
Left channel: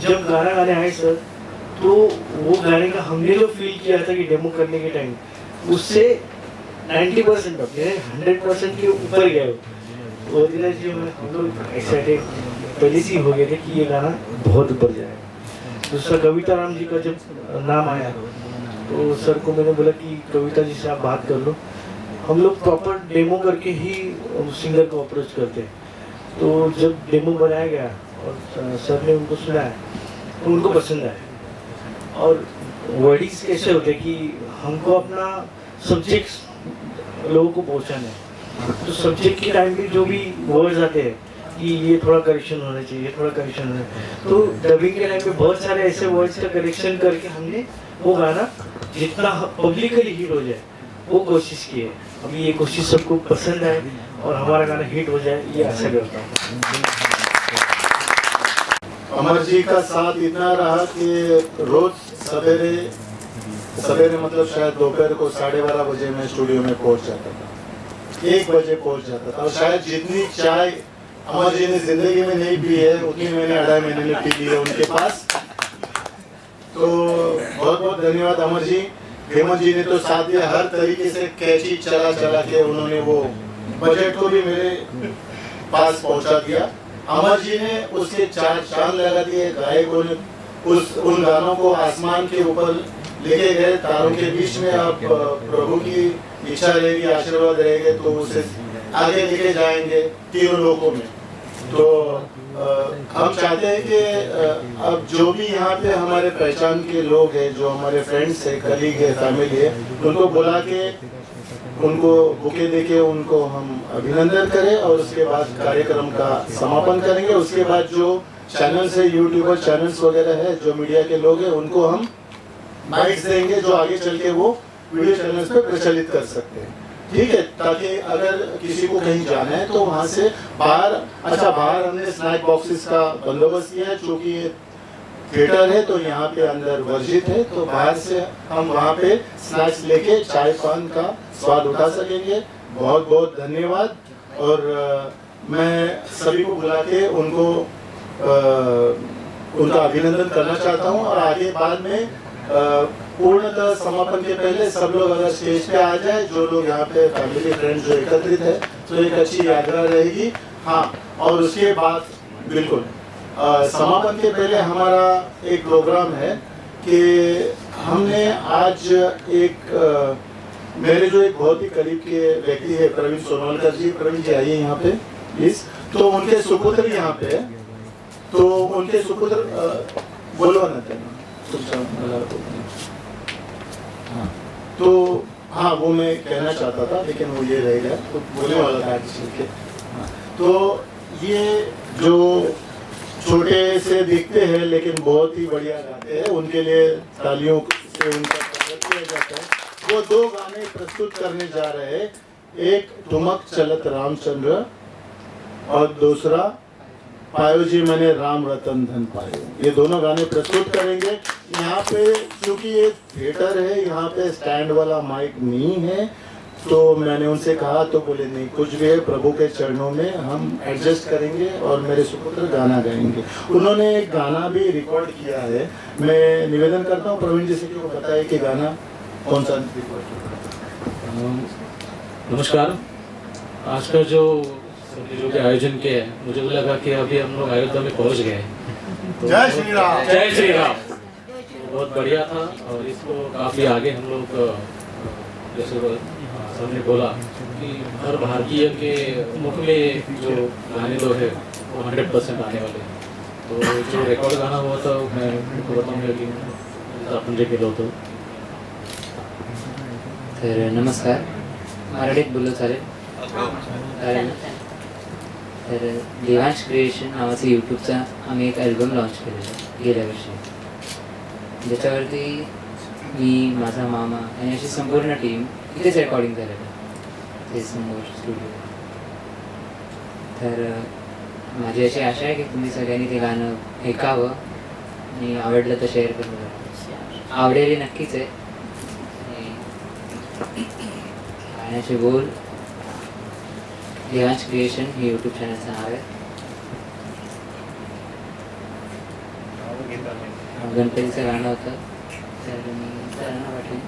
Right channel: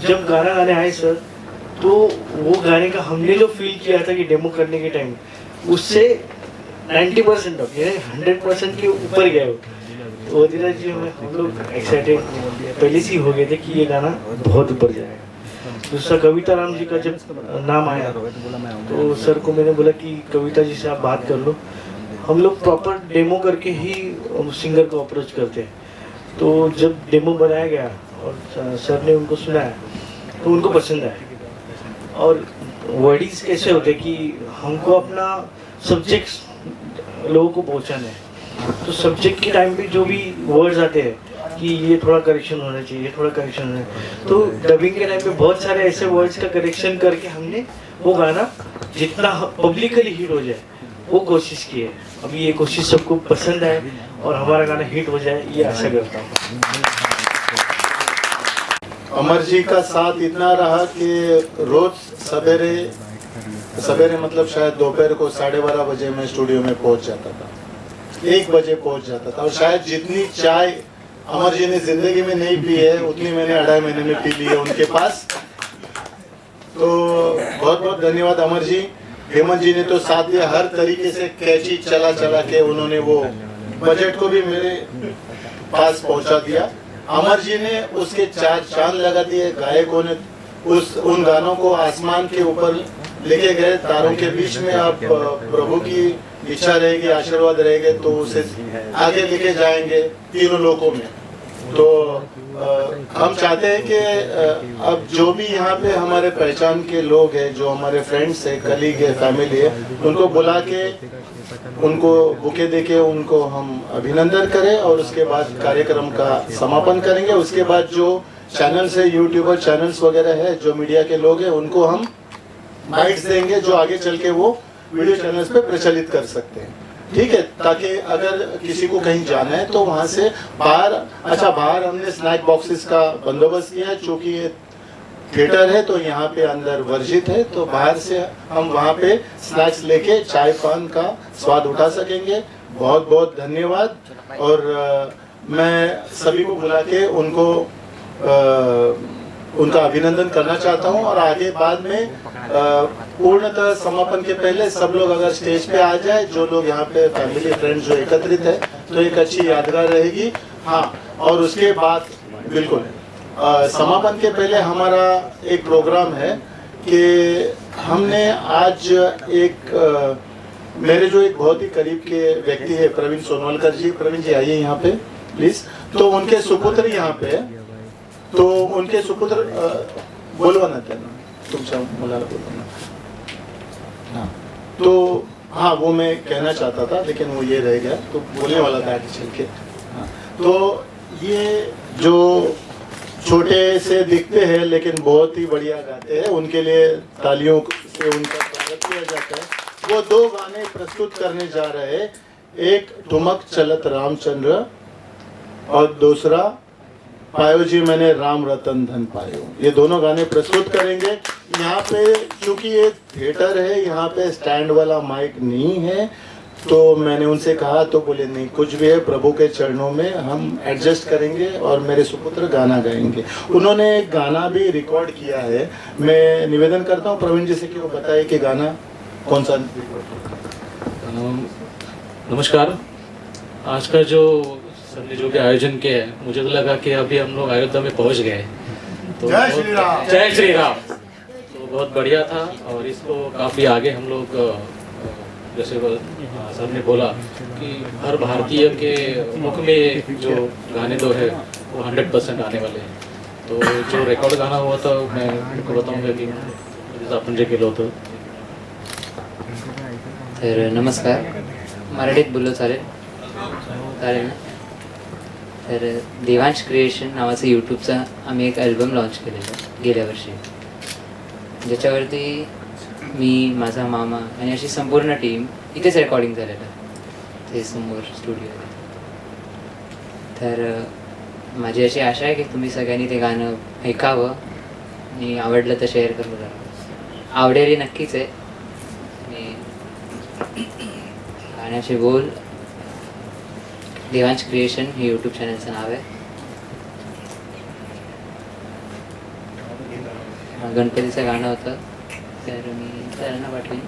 जब गाना गाने आए सर तो वो गाने का हमने जो फील किया था कि डेमो करने के टाइम उससे 90% ऑफ यानी 100% के ऊपर गए। वो दिन जी हम लोग एक्साइटेड पहले से ही हो गए थे कि ये गाना बहुत ऊपर जाएगा। दूसरा कविता राम जी का जब नाम आया तो सर को मैंने बोला कि कविता जी से आप बात कर लो। हम लोग प्रॉपर डेमो करके ही सिंगर को अप्रोच करते हैं। तो जब डेमो बनाया गया और सर ने उनको सुनाया तो उनको पसंद आया। और वर्डीज कैसे होते कि हमको अपना सब्जेक्ट लोगों को पहुंचाना है। तो सब्जेक्ट के टाइम पे जो भी वर्ड्स आते हैं कि ये थोड़ा करेक्शन होना चाहिए, थोड़ा करेक्शन होना चाहिए, तो डबिंग के टाइम पे बहुत सारे ऐसे वर्ड्स का करेक्शन करके हमने वो गाना जितना पब्लिकली हिट हो जाए वो कोशिश की है। अभी ये कोशिश सबको पसंद आए और हमारा गाना हिट हो जाए ये आशा करता हूँ। अमर जी का साथ इतना रहा कि रोज सवेरे मतलब शायद दोपहर को 12:30 बजे मैं स्टूडियो में पहुंच जाता था, 1 बजे पहुंच जाता था। और शायद जितनी चाय अमर जी ने जिंदगी में नहीं पी है उतनी मैंने 2.5 महीने में पी ली है उनके पास। तो बहुत बहुत धन्यवाद अमर जी। हेमंत जी ने तो साथ दिया, हर तरीके से कैची चला के उन्होंने वो बजट को भी मेरे पास पहुंचा दिया। अमर जी ने उसके 4 चांद लगा दिए। गायकों ने उन गानों को आसमान के ऊपर लेके गए, तारों के बीच में। आप प्रभु की इच्छा रहेगी, आशीर्वाद रहेंगे तो उसे आगे लेके जाएंगे तीनों लोकों में। तो हम चाहते हैं कि अब जो भी यहाँ पे हमारे पहचान के लोग हैं, जो हमारे फ्रेंड्स है, कलीग है, फैमिली है, उनको बुला के उनको बुके देके उनको हम अभिनंदन करें और उसके बाद कार्यक्रम का समापन करेंगे। उसके बाद जो चैनल्स है, यूट्यूबर चैनल्स वगैरह है, जो मीडिया के लोग हैं, उनको हम बाइट्स देंगे जो आगे चल के वो वीडियो चैनल्स पे प्रचलित कर सकते हैं। ठीक है, ताकि अगर किसी को कहीं जाना है तो वहां से बाहर हमने स्नैक बॉक्सेस का बंदोबस्त किया है। चूंकि ये थिएटर है तो यहाँ पे अंदर वर्जित है, तो बाहर से हम वहाँ पे स्नैक्स लेके चाय पान का स्वाद उठा सकेंगे। बहुत बहुत धन्यवाद। और मैं सभी को बुला के उनको उनका अभिनंदन करना चाहता हूँ। और आगे बाद में पूर्णतः समापन के पहले सब लोग अगर स्टेज पे आ जाए, जो लोग यहाँ पे फैमिली फ्रेंड्स जो एकत्रित है, तो एक अच्छी यादगार रहेगी। हाँ, और उसके बाद बिल्कुल समापन के पहले हमारा एक प्रोग्राम है कि हमने आज एक मेरे जो एक बहुत ही करीब के व्यक्ति है प्रवीण सोनवलकर जी। प्रवीण जी आइए यहाँ पे प्लीज। तो उनके सुपुत्र यहाँ पे है, तो उनके सुपुत्र बोलो ना तुमचा मला बोलो ना। तो हाँ, वो मैं कहना चाहता था लेकिन वो ये रह गया, तो बोलने वाला था आगे चल के। हाँ, तो ये जो छोटे से दिखते हैं लेकिन बहुत ही बढ़िया गाते हैं, उनके लिए तालियों से उनका स्वागत किया जाता है। वो 2 गाने प्रस्तुत करने जा रहे हैं, एक ठुमक चलत रामचंद्र और दूसरा पायो जी मैंने राम रतन धन पायो। ये दोनों गाने प्रस्तुत करेंगे। यहाँ पे क्योंकि ये थिएटर है, यहाँ पे स्टैंड वाला माइक नहीं है, तो मैंने उनसे कहा तो बोले नहीं, कुछ भी है प्रभु के चरणों में हम एडजस्ट करेंगे और मेरे सुपुत्र गाना गाएंगे। उन्होंने एक गाना भी रिकॉर्ड किया है। मैं निवेदन करता हूँ प्रवीण जी से कि वो बताए कि गाना कौन सा रिकॉर्ड। नमस्कार। आज का जो सबने जो भी आयोजन किया है, मुझे तो लगा कि अभी हम लोग अयोध्या में पहुंच गए हैं। तो जय श्री राम। जय श्री राम। तो बहुत बढ़िया था और इसको काफ़ी आगे हम लोग जैसे सर ने बोला कि हर भारतीय के मुख में जो गाने दो है वो 100% आने वाले हैं। तो जो रिकॉर्ड गाना हुआ था मैं उनको बताऊंगा कि आपण जे केलं होतं। तर नमस्कार, मराठीत बोललो चालेल? चालेल ना? तर देवांश क्रिएशन नावाचं यूट्यूबचा आम्ही एक अल्बम लॉन्च केलेलं गेल्या वर्षी, ज्याच्यावरती मी, माझा मामा आणि अशी संपूर्ण टीम इथेच रेकॉर्डिंग झालेलं ते समोर स्टुडिओ. तर माझी अशी आशा आहे की तुम्ही सगळ्यांनी ते गाणं ऐकावं आणि आवडलं तर शेअर करून आवडेल नक्कीच आहे. गाण्याचे बोल देवांश क्रिएशन हे यूट्यूब चॅनलचं नाव आहे. गणपतीचं गाणं होतं, तर मी त्यांना पाठवेन.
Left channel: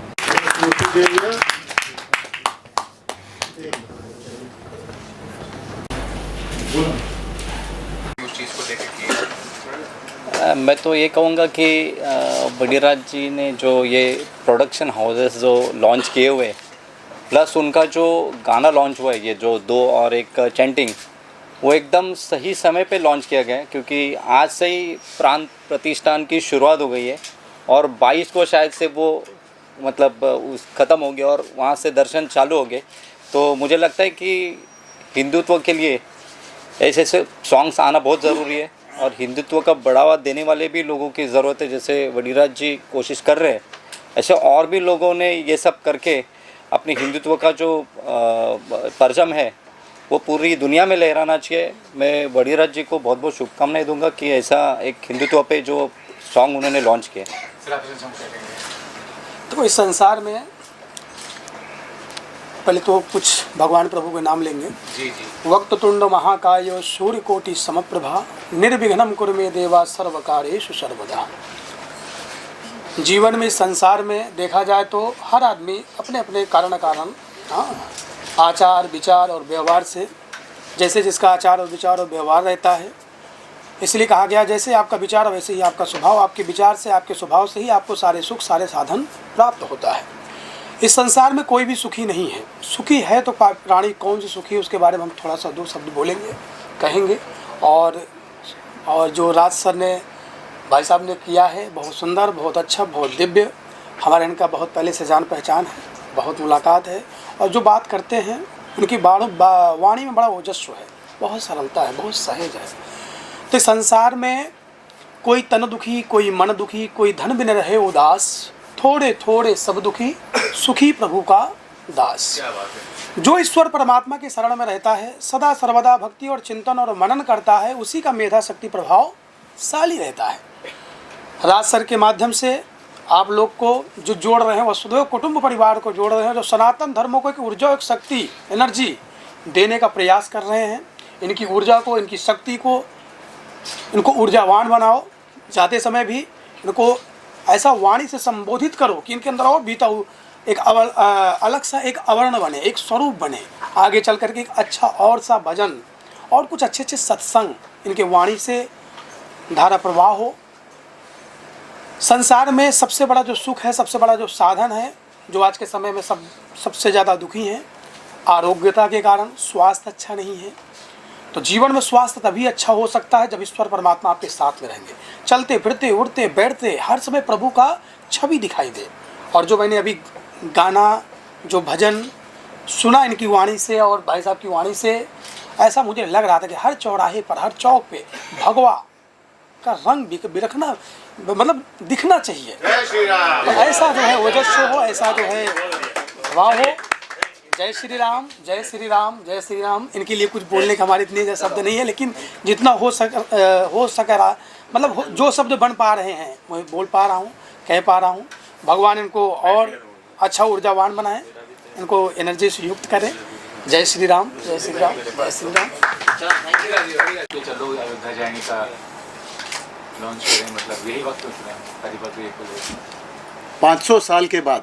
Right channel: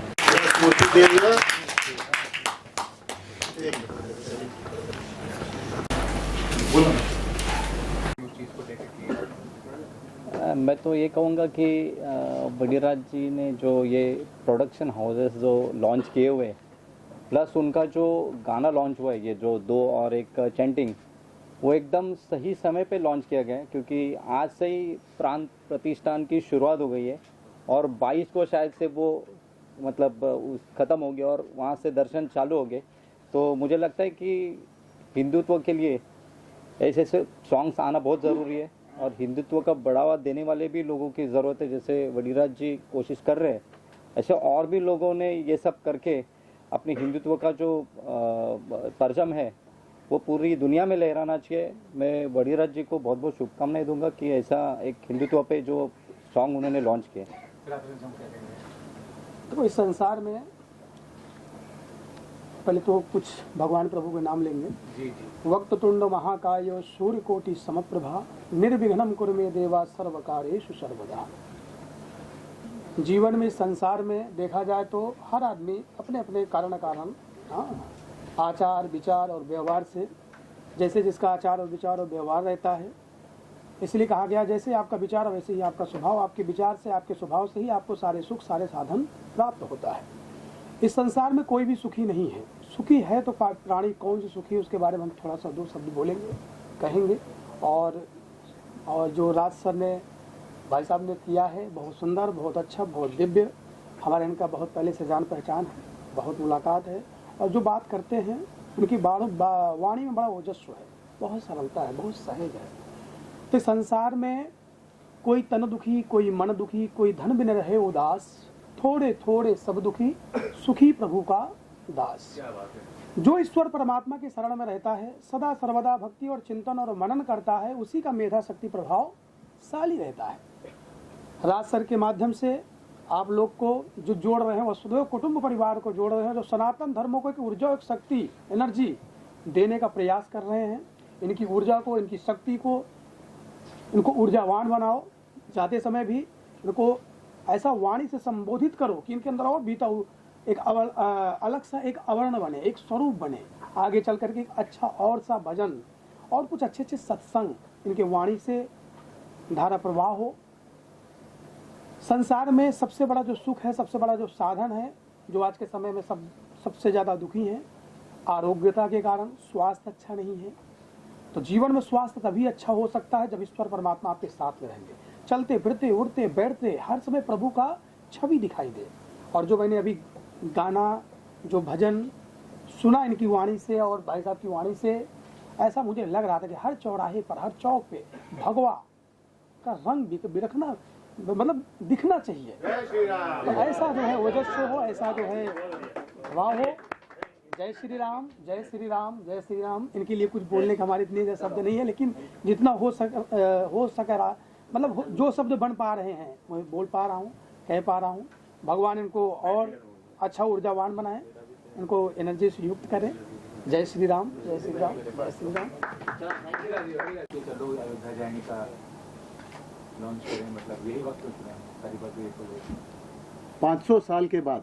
मैं तो ये कहूँगा कि वडीराज जी ने जो ये प्रोडक्शन हाउसेस जो लॉन्च किए हुए, प्लस उनका जो गाना लॉन्च हुआ है, ये जो 2 और 1 चैंटिंग, वो एकदम सही समय पे लॉन्च किया गया है, क्योंकि आज से ही प्राण प्रतिष्ठान की शुरुआत हो गई है और 22 को शायद से वो मतलब ख़त्म हो गया और वहाँ से दर्शन चालू हो गए। तो मुझे लगता है कि हिंदुत्व के लिए ऐसे ऐसे सॉन्ग्स आना बहुत ज़रूरी है और हिंदुत्व का बढ़ावा देने वाले भी लोगों की ज़रूरत है। जैसे वडीराज जी कोशिश कर रहे हैं, ऐसे और भी लोगों ने ये सब करके अपने हिंदुत्व का जो परचम है वो पूरी दुनिया में लहराना चाहिए। मैं वडीराज जी को बहुत बहुत शुभकामनाएं दूंगा कि ऐसा एक हिंदुत्व पे जो सॉन्ग उन्होंने लॉन्च किया। तो इस संसार में पहले तो कुछ भगवान प्रभु के नाम लेंगे। जी। वक्रतुंड महाकाय सूर्यकोटि समप्रभा निर्विघ्नं कुरु मे देवा सर्वकार्येषु सर्वदा। जीवन में, संसार में देखा जाए तो हर आदमी अपने अपने कारण आचार विचार और व्यवहार से, जैसे जिसका आचार और विचार और व्यवहार रहता है, इसलिए कहा गया जैसे आपका विचार वैसे ही आपका स्वभाव, आपके विचार से आपके स्वभाव से ही आपको सारे सुख सारे साधन प्राप्त होता है। इस संसार में कोई भी सुखी नहीं है। सुखी है तो प्राणी कौन सी सुखी है, उसके बारे में हम थोड़ा सा 2 शब्द बोलेंगे, कहेंगे। और जो राज सर ने, भाई साहब ने किया है, बहुत सुंदर, बहुत अच्छा, बहुत दिव्य। हमारे इनका बहुत पहले से जान पहचान है, बहुत मुलाकात है और जो बात करते हैं उनकी वाणी में बड़ा ओजस्व है, बहुत सरलता है, बहुत सहज है। तो संसार में कोई तन दुखी, कोई मन दुखी, कोई धन बिन रहे उदास, थोड़े थोड़े सब दुखी, सुखी प्रभु का दास। जो ईश्वर परमात्मा के शरण में रहता है, सदा सर्वदा भक्ति और चिंतन और मनन करता है, उसी का मेधा शक्ति प्रभावशाली रहता है। राज सर के माध्यम से आप लोग को जो जोड़ रहे हैं, वसुधैव कुटुंब परिवार को जोड़ रहे हैं, जो सनातन धर्मों को एक ऊर्जा, एक शक्ति, एनर्जी देने का प्रयास कर रहे हैं। इनकी ऊर्जा को, इनकी शक्ति को, इनको ऊर्जावान बनाओ। जाते समय भी इनको ऐसा वाणी से संबोधित करो कि इनके अंदर और बीता एक अलग सा एक आवरण बने, एक स्वरूप बने। आगे चल करके एक अच्छा और सा भजन और कुछ अच्छे अच्छे सत्संग इनके वाणी से धारा प्रवाह हो। संसार में सबसे बड़ा जो सुख है, सबसे बड़ा जो साधन है, जो आज के समय में सबसे ज़्यादा दुखी हैं, आरोग्यता के कारण स्वास्थ्य अच्छा नहीं है। तो जीवन में स्वास्थ्य तभी अच्छा हो सकता है जब ईश्वर परमात्मा आपके साथ में रहेंगे। चलते फिरते उड़ते बैठते हर समय प्रभु का छवि दिखाई दे। और जो मैंने अभी गाना जो भजन सुना इनकी वाणी से और भाई साहब की वाणी से, ऐसा मुझे लग रहा था कि हर चौराहे पर, हर चौक पे भगवा का रंग बिरखना, मतलब दिखना चाहिए। तो ऐसा जो है ओजस्व हो, ऐसा जो है वाह हो। जय श्री राम, जय श्री राम, जय श्री राम। इनके लिए कुछ बोलने का हमारे इतने शब्द नहीं है, लेकिन जितना हो सक रहा, मतलब जो शब्द बन पा रहे हैं मैं बोल पा रहा हूँ, कह पा रहा हूँ। भगवान इनको और अच्छा ऊर्जावान बनाए, इनको एनर्जी से युक्त करें। जय श्री राम, जय श्री राम, जय श्री राम। चलो अयोध्या जाने का लॉन्च करें, मतलब यही वक्त हरिभक्त 500 साल के बाद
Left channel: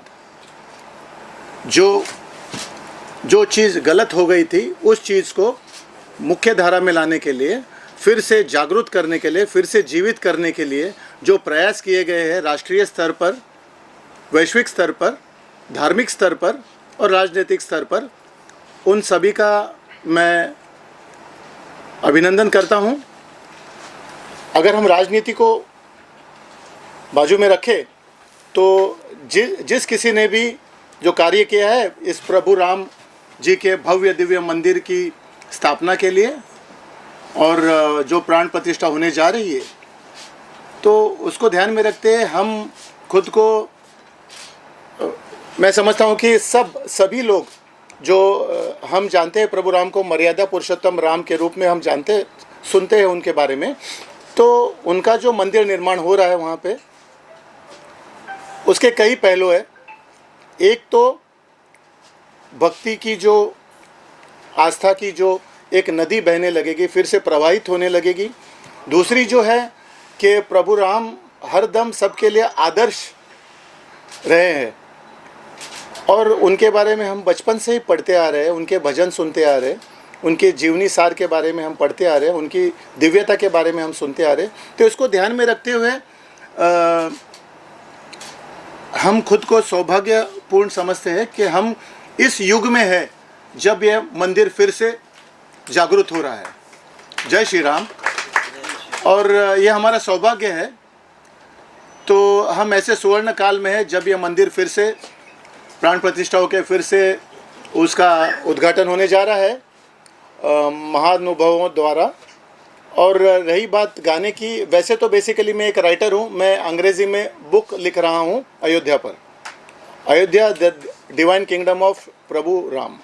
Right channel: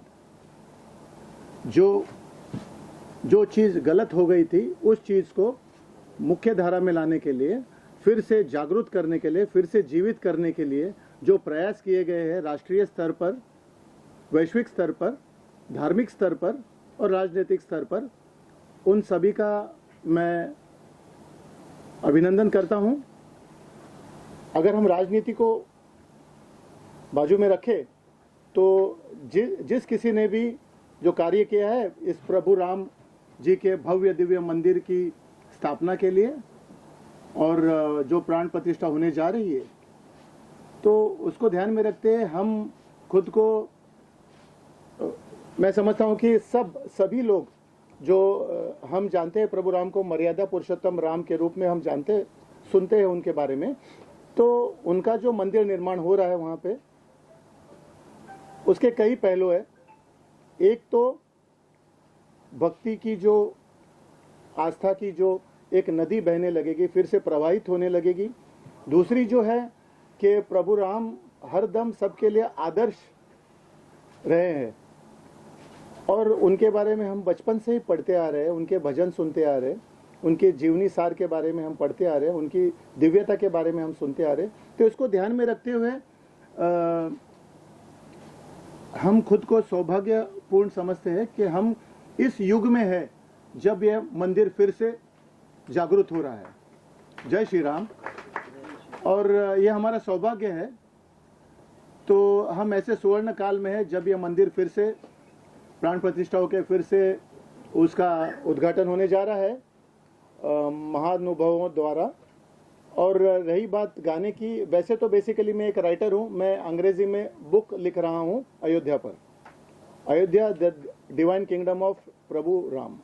जो चीज़ गलत हो गई थी, उस चीज़ को मुख्य धारा में लाने के लिए, फिर से जागरूक करने के लिए, फिर से जीवित करने के लिए जो प्रयास किए गए हैं राष्ट्रीय स्तर पर, वैश्विक स्तर पर, धार्मिक स्तर पर और राजनीतिक स्तर पर, उन सभी का मैं अभिनंदन करता हूं। अगर हम राजनीति को बाजू में रखें तो जिस किसी ने भी जो कार्य किया है इस प्रभु राम जी के भव्य दिव्य मंदिर की स्थापना के लिए और जो प्राण प्रतिष्ठा होने जा रही है, तो उसको ध्यान में रखते हैं हम खुद को, मैं समझता हूँ कि सभी लोग जो हम जानते हैं प्रभु राम को मर्यादा पुरुषोत्तम राम के रूप में हम सुनते हैं उनके बारे में, तो उनका जो मंदिर निर्माण हो रहा है वहाँ पे, उसके कई पहलू है। एक तो भक्ति की जो आस्था की जो एक नदी बहने लगेगी, फिर से प्रवाहित होने लगेगी। दूसरी जो है कि प्रभु राम हरदम सबके लिए आदर्श रहे हैं और उनके बारे में हम बचपन से ही पढ़ते आ रहे हैं, उनके भजन सुनते आ रहे हैं, उनके जीवनी सार के बारे में हम पढ़ते आ रहे हैं, उनकी दिव्यता के बारे में हम सुनते आ रहे हैं। तो इसको ध्यान में रखते हुए हम खुद को सौभाग्यपूर्ण समझते हैं कि हम इस युग में है जब यह मंदिर फिर से जागृत हो रहा है। जय श्री राम। और यह हमारा सौभाग्य है। तो हम ऐसे सुवर्ण काल में है जब यह मंदिर फिर से प्राण प्रतिष्ठा होकर फिर से उसका उद्घाटन होने जा रहा है महानुभावों द्वारा। और रही बात गाने की, वैसे तो बेसिकली मैं एक राइटर हूँ, मैं अंग्रेज़ी में बुक लिख रहा हूँ अयोध्या पर, Ayodhya the divine kingdom of Prabhu Ram.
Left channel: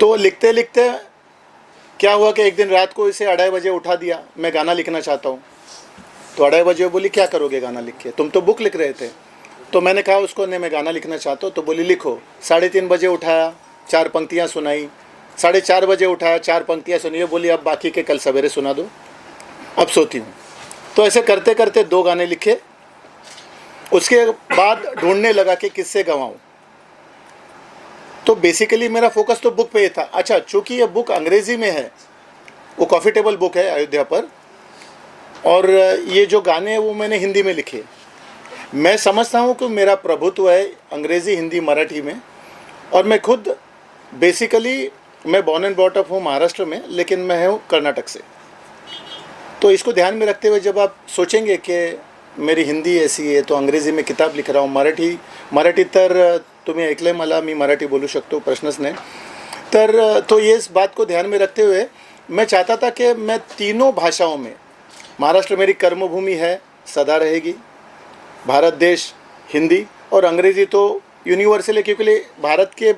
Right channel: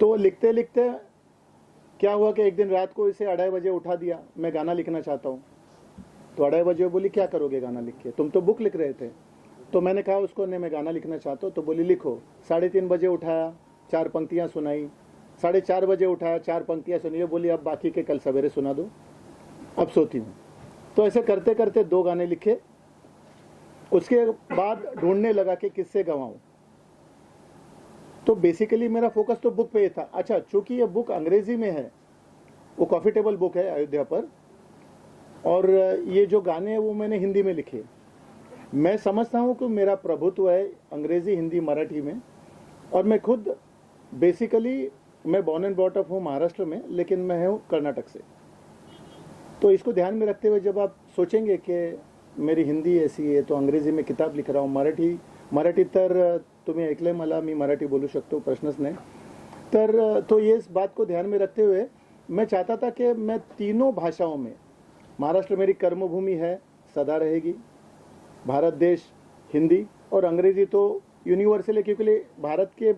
तो लिखते लिखते क्या हुआ कि एक दिन रात को इसे 2:30 बजे उठा दिया, मैं गाना लिखना चाहता हूँ। तो 2:30 बजे बोली क्या करोगे गाना लिख के, तुम तो बुक लिख रहे थे। तो मैंने कहा उसको, नहीं मैं गाना लिखना चाहता हूँ। तो बोली लिखो। 3:30 बजे उठाया, 4 पंक्तियाँ सुनाई। 4:30 बजे उठाया, 4 पंक्तियाँ सुनिए। बोली अब बाकी के कल सवेरे सुना दो, अब सोती हूँ। तो ऐसे करते करते 2 गाने लिखे। उसके बाद ढूंढने लगा कि किससे गवाऊँ। तो बेसिकली मेरा फोकस तो बुक पे ही था। अच्छा, चूँकि ये बुक अंग्रेज़ी में है, वो कॉफ़ी टेबल बुक है अयोध्या पर, और ये जो गाने हैं वो मैंने हिंदी में लिखे। मैं समझता हूँ कि मेरा प्रभुत्व है अंग्रेज़ी, हिंदी, मराठी में। और मैं खुद बेसिकली मैं बॉर्न एंड ब्रॉट अप हूँ महाराष्ट्र में, लेकिन मैं हूँ कर्नाटक से। तो इसको ध्यान में रखते हुए जब आप सोचेंगे कि मेरी हिंदी ऐसी आहे, तो अंग्रेजी में किताब लिख रहा हूँ, मराठी तर तुम्ही ऐकलंय मला, मी मराठी बोलू शकतो, प्रश्नच नाही। तर तो ये इस बात को ध्यान में रखते हुए मैं चाहता था कि मैं तीनों भाषाओं में, महाराष्ट्र मेरी कर्मभूमि है, सदा रहेगी, भारत देश हिंदी, और अंग्रेज़ी तो यूनिवर्सल है, क्योंकि भारत के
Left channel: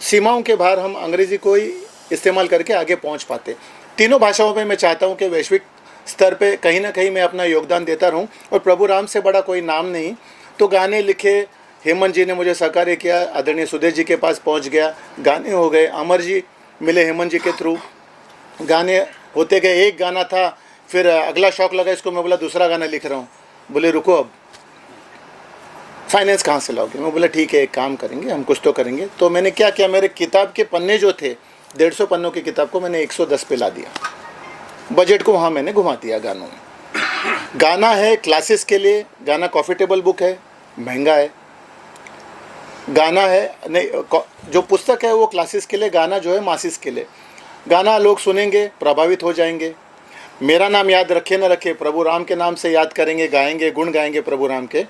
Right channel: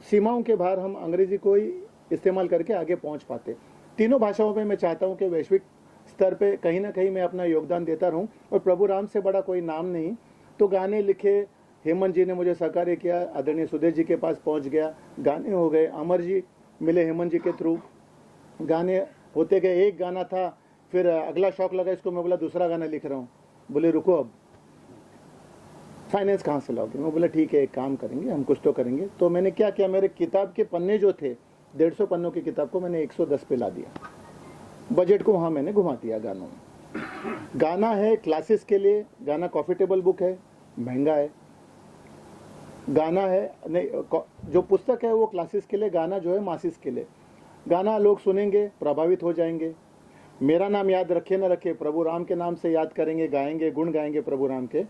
सीमाओं के बाहर हम अंग्रेज़ी को ही इस्तेमाल करके आगे पहुंच पाते। तीनों भाषाओं में मैं चाहता हूं कि वैश्विक स्तर पे कहीं ना कहीं मैं अपना योगदान देता रहूं, और प्रभु राम से बड़ा कोई नाम नहीं। तो गाने लिखे, हेमंत जी ने मुझे सहकार्य किया, आदरणीय सुदेश जी के पास पहुंच गया, गाने हो गए, अमर जी मिले हेमंत जी के थ्रू, गाने होते गए। एक गाना था, फिर अगला शौक लगा इसको, मैं बोला दूसरा गाना लिख रहा हूँ। बोले रुको, अब फाइनेंस कहाँ से लाओगे? मैं बोला ठीक है, एक काम करेंगे, हम कुछ तो करेंगे। तो मैंने क्या किया, मेरे किताब के पन्ने जो थे, 150 पन्नों की किताब को मैंने 110 पे ला दिया, बजट को वहाँ मैंने घुमा दिया गानों में। गाना है क्लासेस के लिए, गाना कॉफ़ी टेबल बुक है, महंगा है। गाना है नहीं, जो पुस्तक है वो क्लासेस के लिए, गाना जो है मासिस के लिए। गाना लोग सुनेंगे, प्रभावित हो जाएंगे। मेरा नाम याद रखे न रखे, प्रभु राम के नाम से याद करेंगे, गाएंगे, गुण गाएंगे प्रभु राम के।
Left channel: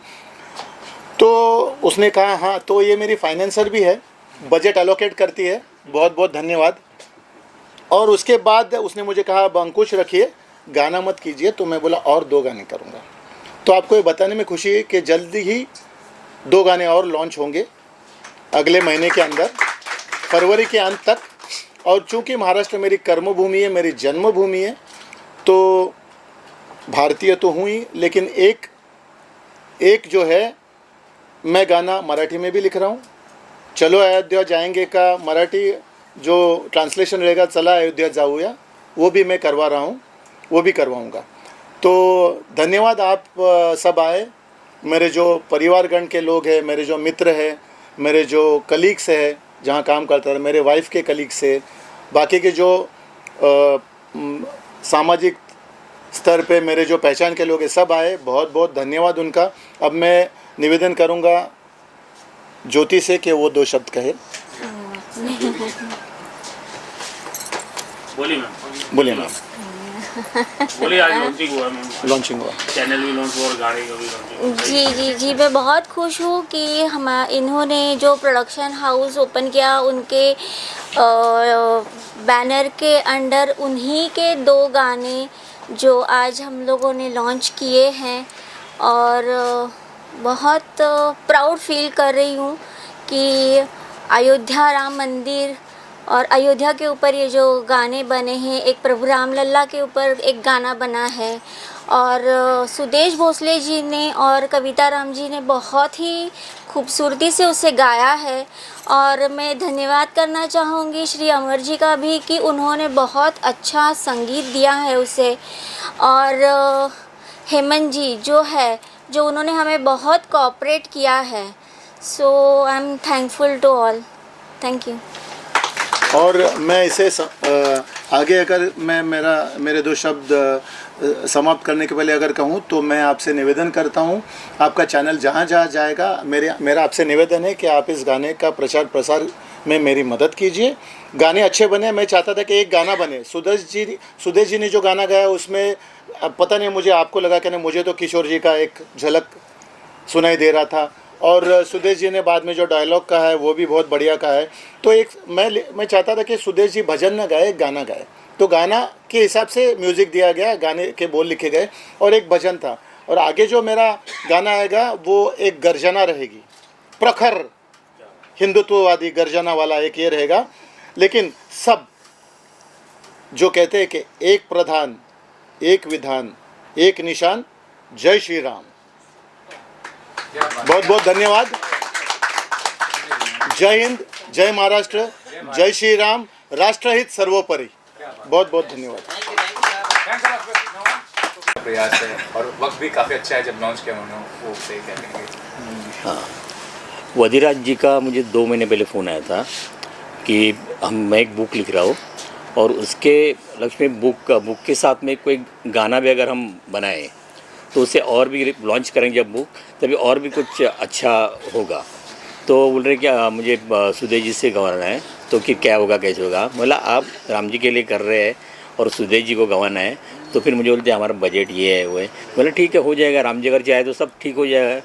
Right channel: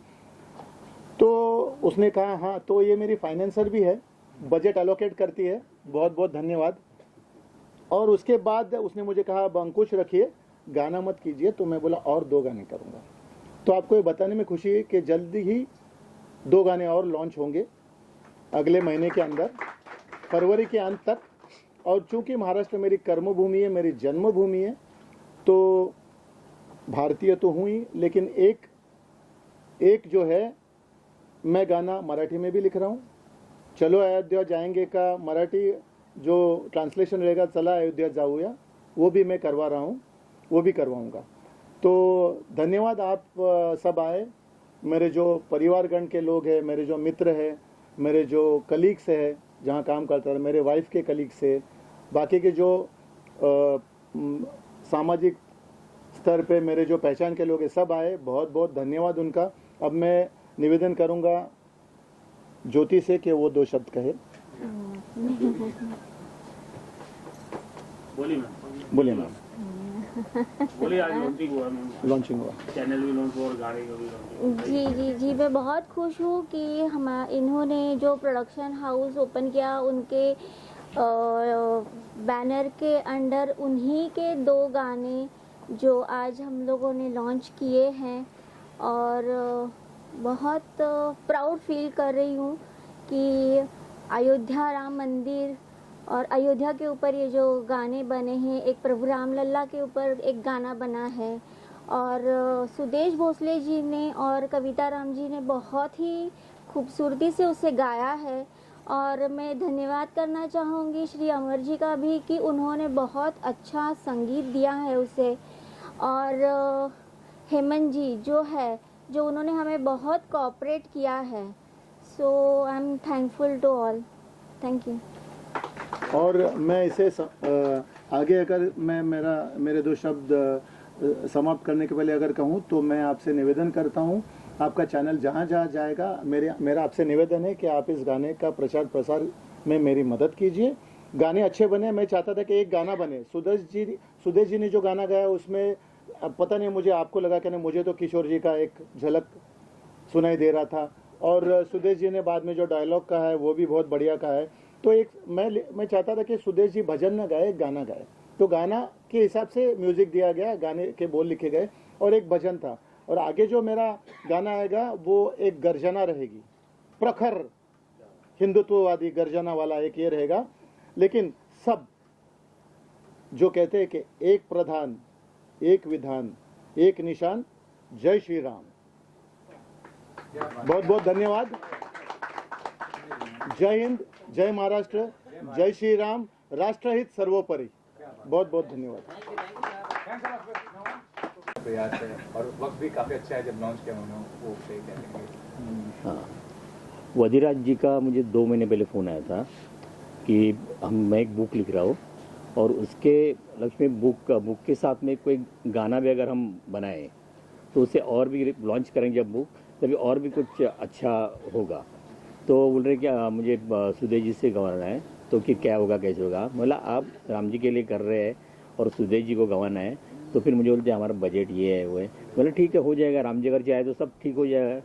तो उसने कहा हाँ, तो ये मेरी फाइनेंसर भी है, बजट एलोकेट करती है, बहुत बहुत धन्यवाद। और उसके बाद उसने मुझे कहा अब अंकुश रखिए, गाना मत कीजिए। तो मैं बोला और 2 गाने करूँगा। तो आपको ये बताने में खुशी है कि जल्दी ही 2 गाने और लॉन्च होंगे अगले महीने के अंदर, फरवरी के अंत तक। और चूँकि महाराष्ट्र मेरी कर्मभूमि है, मेरी जन्मभूमि है, तो भारतीय तो हूँ ही, लेकिन एक जो है, मैं गाना मराठी में भी लिख रहा हूँ। चलो अयोध्या जाएंगे का मराठी जो ट्रांसलेशन रहेगा, चला अयोध्या जाऊया, वो भी मैं करवा रहा हूँ, वो भी करवाऊँगा। तो धन्यवाद, आप सब आए, मेरे जो परिवारगण के लोग हैं, मेरे जो मित्र हैं, मेरे जो कलीग्स हैं जहाँ काम करता है, मेरे वाइफ के कलीग्स हैं, बाकी के जो सामाजिक स्तर पे मेरे जो पहचान के लोग हैं, सब आए, बहुत बहुत धन्यवाद उनका। अब मैं निवेदन करूँगा ज्योति से कि वो 2 शब्द कहे। बोलिए मैम। बोलिए मैम। बोलिए, आज लॉन्चिंग हुआ मैम। लॉन्चिंग हुआ, चैनल भी लॉन्च हुआ और गाड़ी का भी लॉन्चिंग। जी जी जी, मैं बहुत खुश हूँ कि इन्होंने जो प्रोडक्शन हाउस ओपन किया, उनके बैनर के अंडर उन्हीं के 2 गाने जो आज हम लोगों ने लॉन्च किए हैं। और बहुत प्राउड फील कर रही हूँ कि अयोध्या राम मंदिर और अयोध्या के ऊपर ये जो गाने बने हैं, एक प्रभु राम लल्ला के ऊपर एक गाना बना है, और सुदेश भोसले जी ने और कविता राम जी ने बहुत ही खूबसूरती से उसे गाया है। और मैं धन्यवाद करना चाहूँगी श्री अमर जी का भी कि उन्होंने बहुत अच्छा संगीत दिया है उसे। और हेमंत जी जो उन्होंने हमें बहुत कोऑपरेट किया है। So I am thankful to all. Thank you. और मैं इसे आगे अगर मैं मेरे 2 शब्द समाप्त करने के पहले अगर कहूँ, तो मैं आपसे निवेदन करता हूँ, आपका चैनल जहाँ जहाँ जाएगा, मेरा आपसे निवेदन है कि आप इस गाने का प्रचार प्रसार में मेरी मदद कीजिए। गाने अच्छे बने, मैं चाहता था कि एक गाना बने। सुदेश जी ने जो गाना गाया उसमें पता नहीं, मुझे आपको लगा कि नहीं, मुझे तो किशोर जी का एक झलक सुनाई दे रहा था। और सुदेश जी ने बाद में जो डायलॉग का है वो भी बहुत बढ़िया का है। तो एक मैं चाहता था कि सुदेश जी भजन न गाए, गाना गाए। तो गाना के हिसाब से म्यूज़िक दिया गया, गाने के बोल लिखे गए और एक भजन था। और आगे जो मेरा गाना आएगा वो एक गर्जना रहेगी, प्रखर हिंदुत्ववादी गर्जना वाला एक ये रहेगा। लेकिन सब जो कहते हैं कि एक प्रधान, एक विधान, एक निशान, जय श्री राम। बहुत बहुत धन्यवाद। जय हिंद, जय महाराष्ट्र, जय श्री राम, राष्ट्रहित सर्वोपरि। बहुत बहुत धन्यवाद। प्रयास है और वक्त भी काफ़ी अच्छा है जब लॉन्च किया उन्होंने, वो सही कहेंगे। हाँ, वधिराज जी का मुझे 2 महीने पहले फ़ोन आया था कि मैं एक बुक लिख रहा हूँ और उसके लक्ष्य में बुक के साथ में कोई गाना भी अगर हम बनाएं तो उससे और भी लॉन्च करेंगे जब बुक, तभी और भी कुछ अच्छा होगा। तो बोल रहे क्या मुझे सुदेश जी से गंवाना है, तो कि क्या होगा कैसे होगा। बोला आप राम जी के लिए कर रहे हैं और सुदेश जी को गंवाना है, तो फिर मुझे बोलते हमारा बजट ये है वो है। बोला ठीक है, हो जाएगा, राम जी अगर चाहे तो सब ठीक हो जाएगा।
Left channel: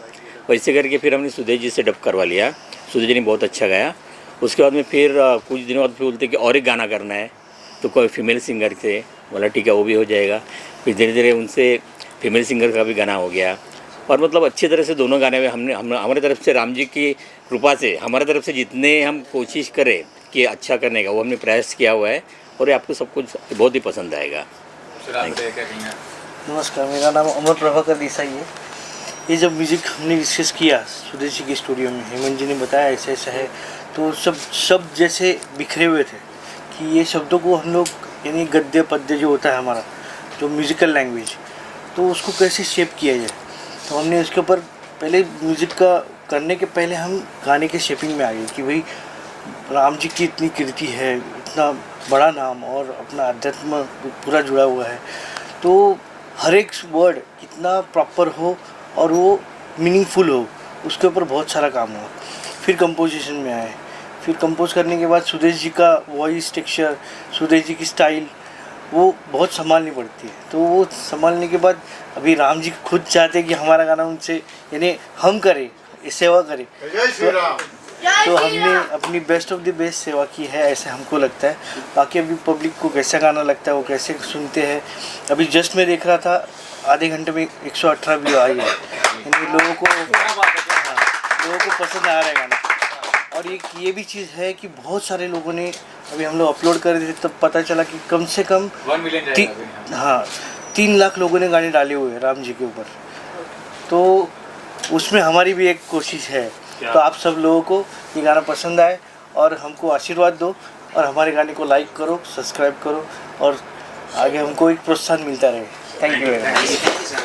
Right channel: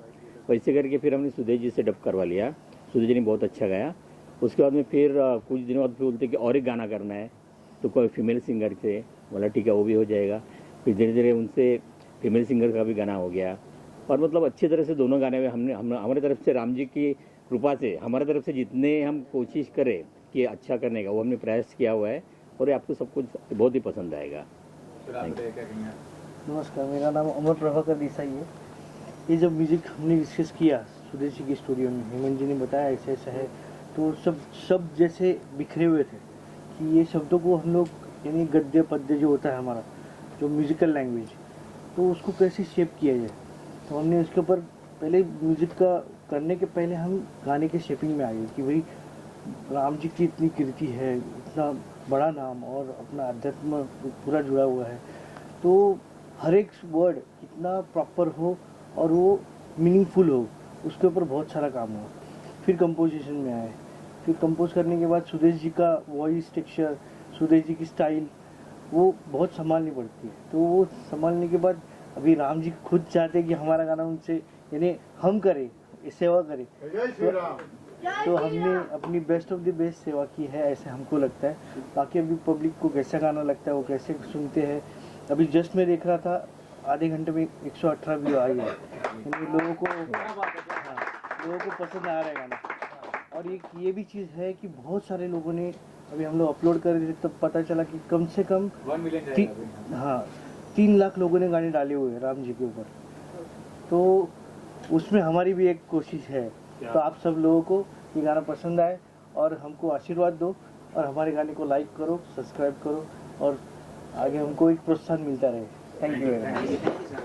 वैसे करके फिर हमने सुदेश जी से डब करवा लिया। सुदेश जी ने बहुत अच्छा गाया। उसके बाद में फिर कुछ दिनों बाद फिर बोलते कि और एक गाना करना है, तो कोई फीमेल सिंगर से। बोला ठीक है, वो भी हो जाएगा। फिर धीरे धीरे उनसे फीमेल सिंगर का भी गाना हो गया। और मतलब अच्छी तरह से दोनों गाने में हमारे तरफ से राम जी की कृपा से हमारे तरफ से जितने हम कोशिश करें कि अच्छा करने का, वो हमने प्रयास किया हुआ है और ये आपको सब कुछ बहुत ही पसंद आएगा। नमस्कार, मेरा नाम अमर प्रभाकर देसाई है। ये जब म्यूज़िक हमने डिस्कस किया सुदेश जी के स्टूडियो में, हेमंत जी ने बताया ऐसा ऐसा है, तो सब शब्द जैसे बिखरे हुए थे कि ये शब्दों को हम लोग, यानी गद्य पद्य जो होता है हमारा जो म्यूज़िकल लैंग्वेज, तो उसको कैसे शेप किया जाए। तो हमने उसके ऊपर पहले म्यूज़िक का करने के पहले हम गाने के शेपिंग में आ गए कि भाई राम जी की इतनी कीर्ति है, इतना बड़ा नाम और अपना अध्यात्म पूरा जुड़ा हुआ है, तो हर एक वर्ड कितना प्रॉपर हो और वो मीनिंगफुल हो, उसके ऊपर बहुत सारा काम हुआ। फिर कंपोजिशन में आए, फिर कंपोज करने के बाद सुदेश जी का वॉइस टेक्सचर, सुदेश जी की स्टाइल वो बहुत संभालनी पड़ती है। तो वो संभालने के बाद अभी राम जी खुद चाहते हैं कि हमारा गाना उनसे, यानी हम करें, सेवा करें। तो हमने अपनी बेस्ट ऑफ द बेस्ट सेवा की है, ऐसे हमको लगता है। बाकी अभी पब्लिक को कैसा गाना लगता है, वो कैसे सुनते हैं। अभी जस्ट मैं देख रहा था, आधे घंटे में 118 व्यू आई है, यानी लोगों को पसंद आ रहा है गाना। और ये भी चीज़ है कि बहुत सारे लोगों ने, अभी हम लोग अपलोड कर रहे थे तब पता चला कि कम से कम 1 मिलियन 3 लाख लोगों ने गाने डाले हुए हैं राम जी के ऊपर। तो उसमें हमारी भी एक कोशिश है। तो आप सब लोगों को ये गाना पसंद आए और हमको आशीर्वाद दो और हमारे गाने को लाइक करो, सब्सक्राइब करो और आगे हमको एक प्रोत्साहन मिलता रहे। Thank you very much.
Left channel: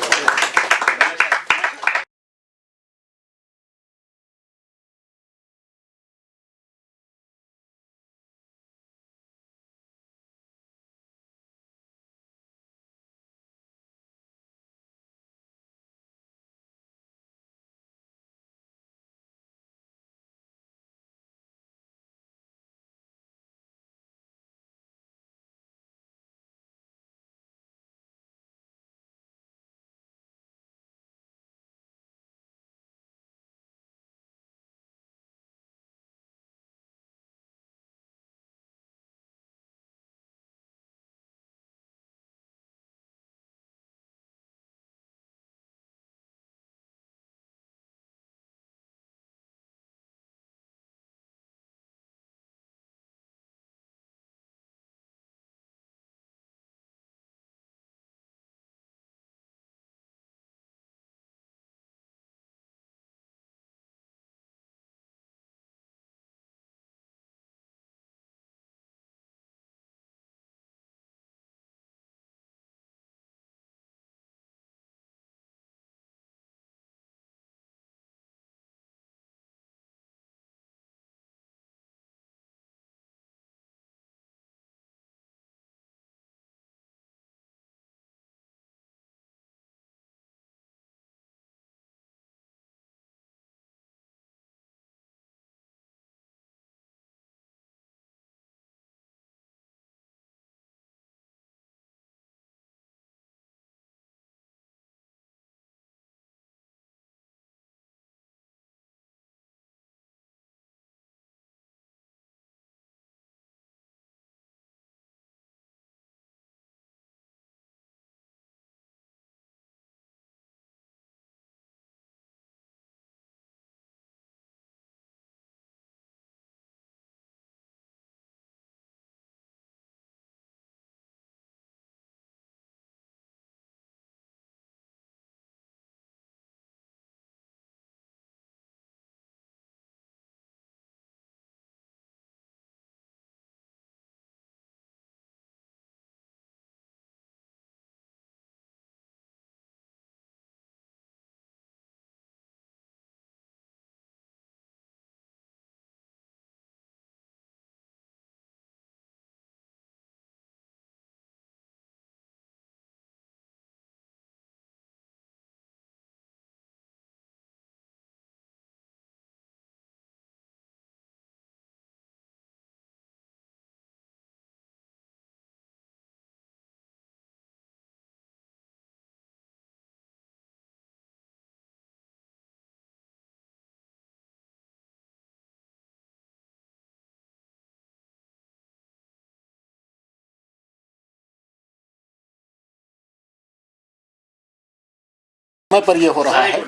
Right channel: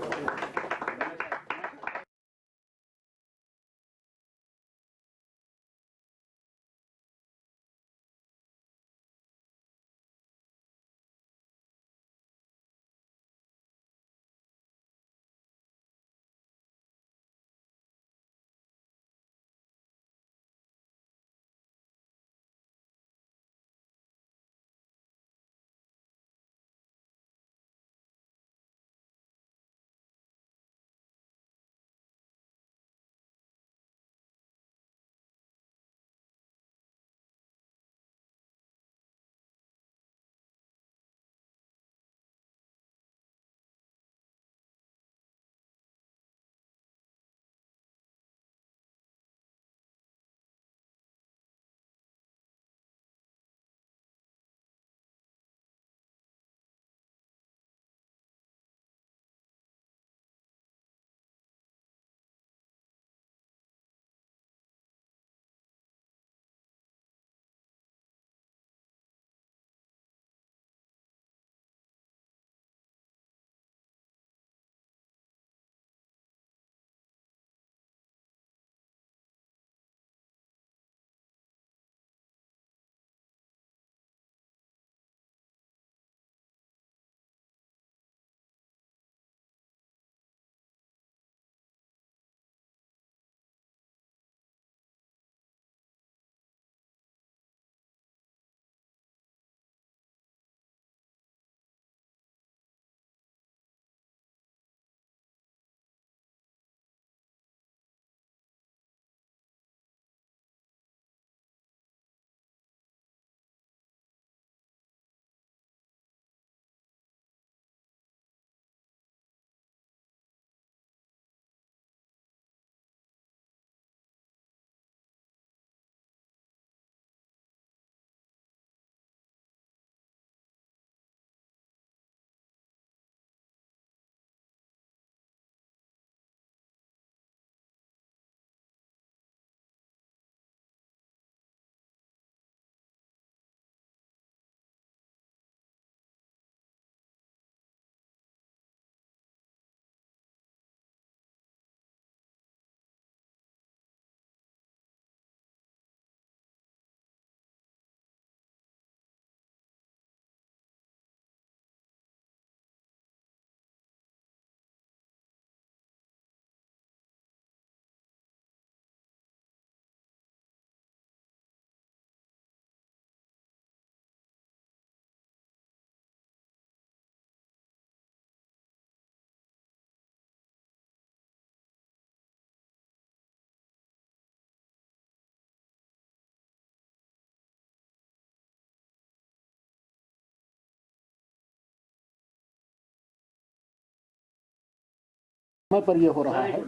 समय पर ये हो रहा है।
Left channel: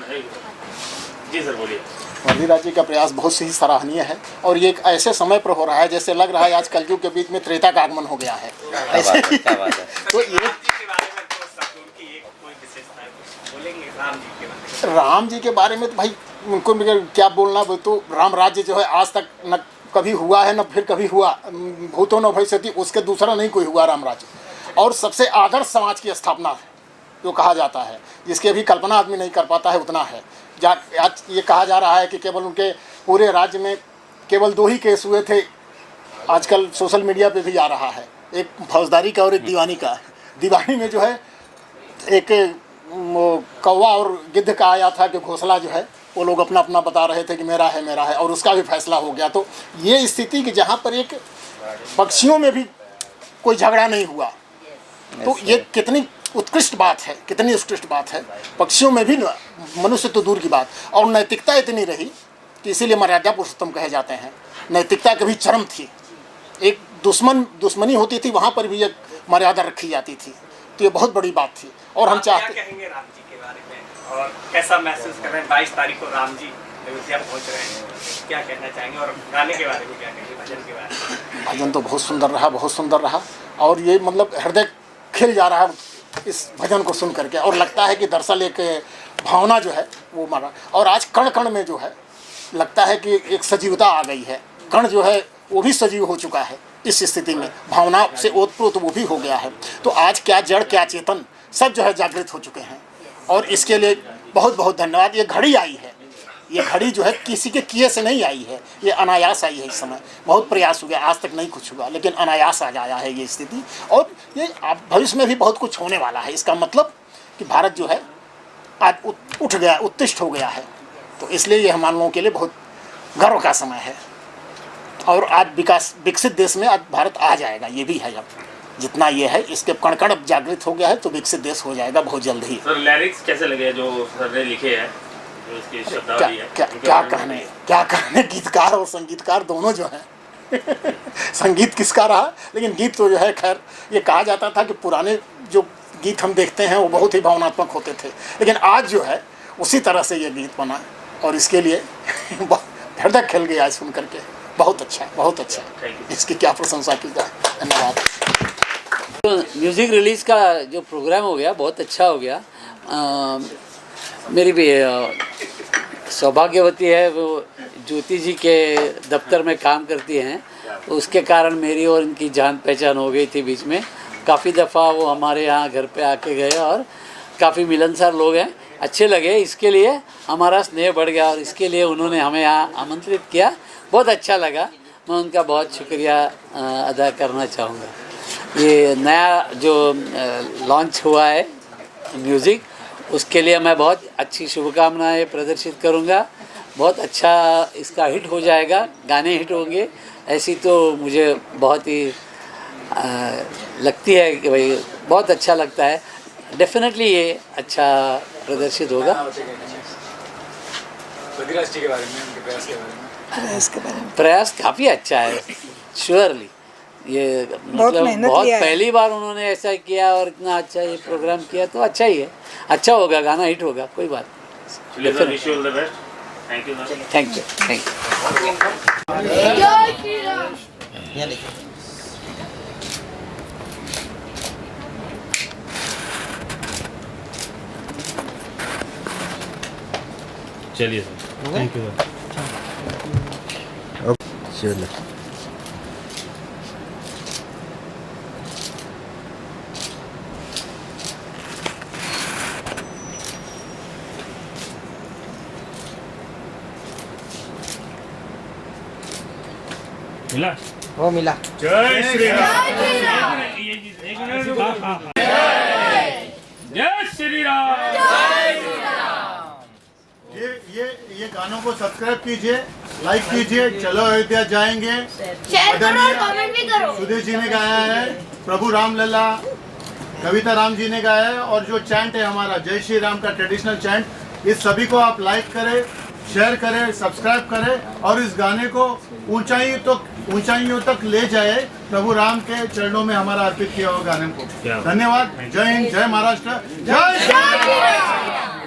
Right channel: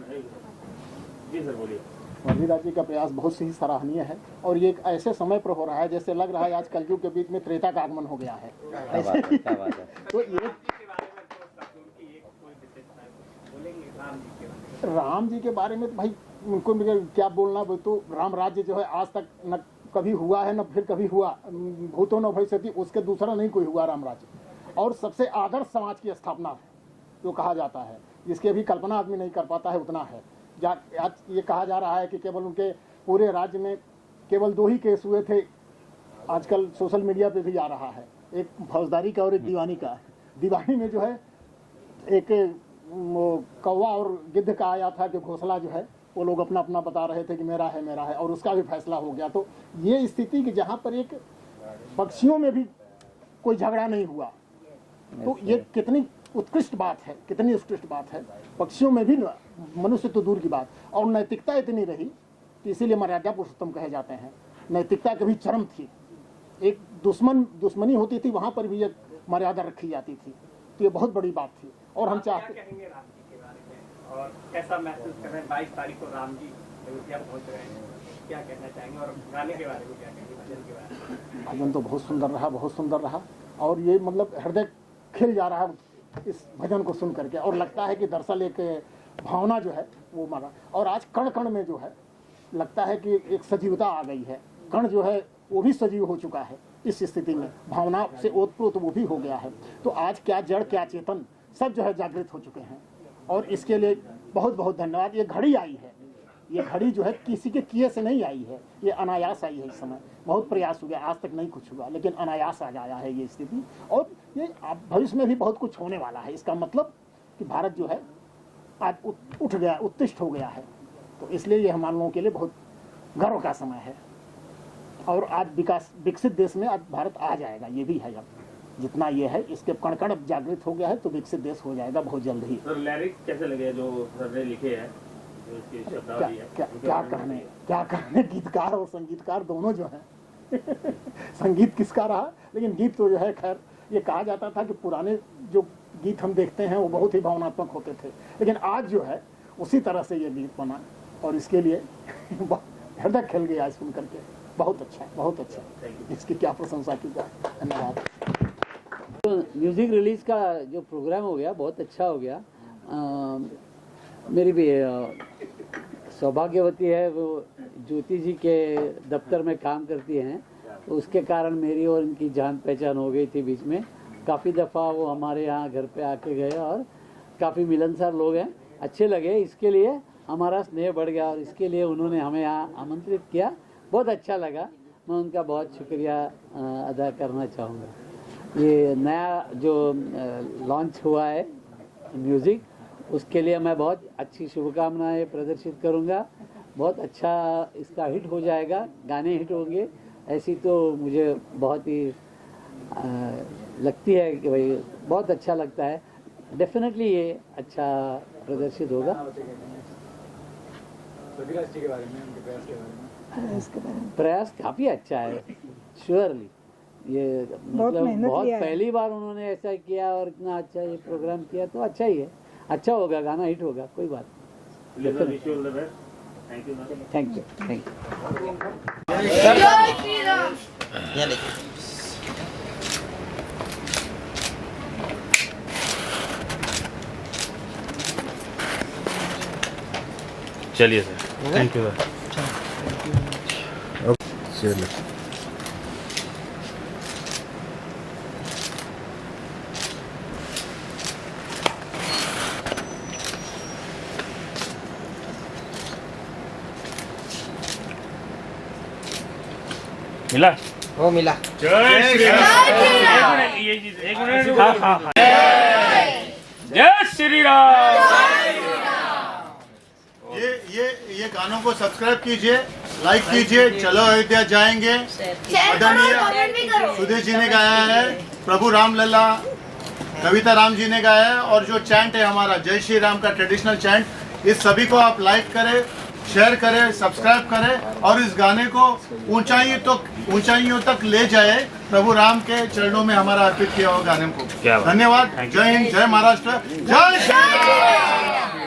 जी सर बोलिए। वजीराज जी का प्रयास बहुत ही सराहनीय है और ये एक ऐसे समय पर हो रहा है जैसे लग रहा है आज कलयुग के बीच में त्रेता का आगमन हो गया है। ऐसे तो ये राम जी के बारे में तो भाई उनको क्या बोलना, वो तो राम राज्य जो है आज तक न कभी हुआ है न फिर कभी हुआ, भूतो न भविष्यति, उसके दूसरा नहीं कोई हुआ राम राज्य। और सबसे आदर्श समाज की स्थापना है जो कहा जाता है, जिसकी अभी कल्पना आदमी नहीं कर पाता है उतना है। आज ये कहा जा रहा है कि केवल उनके पूरे राज्य में केवल 2 ही केस हुए थे, आजकल सोशल मीडिया पे भी आ रहा है, एक फौजदारी का और एक दीवानी का। दीवानी में जो है एक कौवा और गिद्ध का आया था कि घोंसला जो है वो लोग अपना अपना बता रहे थे कि मेरा है और उसका भी फैसला हो गया। तो ये स्थिति कि जहाँ पर एक पक्षियों में भी कोई झगड़ा नहीं हुआ, तो ये कितनी उत्कृष्ट बात है, कितनी उत्कृष्ट बात है। पक्षियों में भी मनुष्य तो दूर की बात, और नैतिकता इतनी रही कि इसीलिए मर्यादा पुरुषोत्तम कहे जाते हैं। नैतिकता कभी चरम थी, एक दुश्मनी होती थी वहाँ पर भी एक मर्यादा रखी जाती थी, तो ये बहुत बड़ी बात थी। और हम चाहते क्या कहेंगे राम जी के बारे में और कैसा महसूस कर रहे हैं? 22 तारीख को राम जी अयोध्या पहुँच रहे हैं, क्या कहना चाहेंगे? और गाने के बारे में क्या कहेंगे, भजन के बारे में? भजन तो बहुत सुंदर रहा, बहुत सुंदर रहा, और ये मतलब हृदय खिल जा रहा है इस भजन को सुन करके, और लगता है कि दरअसल एक भावना जो है वो मारा। और आज कण कण में जो है लगता है कि एक सजीवता आ गई है, कण जो है वो भी सजीव हो चुका है। इस स्थिति में भावना से ओतप्रोत वो भी हो गया है। तो आज क्या जड़ क्या चेतन सब जो है जागृत हो चुके हैं, और इसके लिए बहुत बहुत धन्यवाद। ये घड़ी आई है, ये घड़ी जो है किसी के किए से नहीं आई है, ये अनायास आई है। इस समय बहुत प्रयास हो गया, आज तक नहीं कुछ हुआ, लेकिन अनायास आज आया है ये स्थिति, और ये भविष्य में भी बहुत कुछ होने वाला है। इसका मतलब कि भारत जो है आज उठ गया, उत्तिष्ठ हो गया है। तो इसलिए ये हम लोगों के लिए बहुत गर्व का समय है, और आज विकसित देश में आज भारत आ जाएगा, ये भी है। अब जितना ये है इसके कण कण जागृत हो गया है, तो विकसित देश हो जाएगा बहुत जल्द ही। सर लिरिक्स कैसे लगे जो सर ने लिखे हैं, जो इसकी शब्दावली है? क्या कहने गीतकार और संगीतकार दोनों जो हैं संगीत किसका रहा, लेकिन गीत तो जो है खैर ये कहा जाता था कि पुराने जो गीत हम देखते हैं वो बहुत ही भावनात्मक होते थे, लेकिन आज जो है उसी तरह से ये गीत बना, और इसके लिए हृदय खिल गया सुन करके। बहुत अच्छा, बहुत अच्छा, इसकी क्या प्रशंसा की जाए। धन्यवाद। तो म्यूज़िक रिलीज़ का जो प्रोग्राम हो गया बहुत अच्छा हो गया। मेरी भी सौभाग्यवती है, वो ज्योति जी के दफ्तर में काम करती हैं, उसके कारण मेरी और इनकी जान पहचान हो गई थी बीच में। काफ़ी दफ़ा वो हमारे यहाँ घर पे आके गए, और काफ़ी मिलनसार लोग हैं, अच्छे लगे। इसके लिए हमारा स्नेह बढ़ गया, और इसके लिए उन्होंने हमें यहाँ आमंत्रित किया, बहुत अच्छा लगा। मैं उनका बहुत शुक्रिया अदा करना चाहूँगा। ये नया जो लॉन्च हुआ है म्यूज़िक, उसके लिए मैं बहुत अच्छी शुभकामनाएं प्रदर्शित करूँगा। बहुत अच्छा इसका हिट हो जाएगा, गाने हिट होंगे, ऐसी तो मुझे बहुत ही लगती है कि भाई बहुत अच्छा लगता है। डेफिनेटली ये अच्छा प्रदर्शित होगा। बद्रीराज जी के बारे में, उनके प्रयास के बारे में? प्रयास काफ़ी अच्छा है, श्योरली। ये मतलब बहुत पहली बार उन्होंने ऐसा किया और इतना अच्छा ये प्रोग्राम किया, तो अच्छा ही है, अच्छा होगा, गाना हिट होगा, कोई बात नहीं। Thank you, thank you. चलिए सर, थैंक यू। चलो मिला? वो मिला। जय श्री राम। एक मिनट। हाँ। जय श्री राम। ये गानों को सब्सक्राइब कीजिए, लाइक कीजिए। चलो अयोध्या जाएंगे, सुधीर जी ने गाया है, प्रभु राम लला, कविता राम जी ने गाया है, और जो चैंट है हमारा जय श्री राम का ट्रेडिशनल चैंट, इस सभी को आप लाइक करें, शेयर करें, सब्सक्राइब करें, और इस गाने को ऊंचाइयों तक ले जाए, प्रभु राम के चरणों में हमारा अर्पित किया हुआ गाने को। धन्यवाद। जय हिंद, जय महाराष्ट्र, जय श्री राम।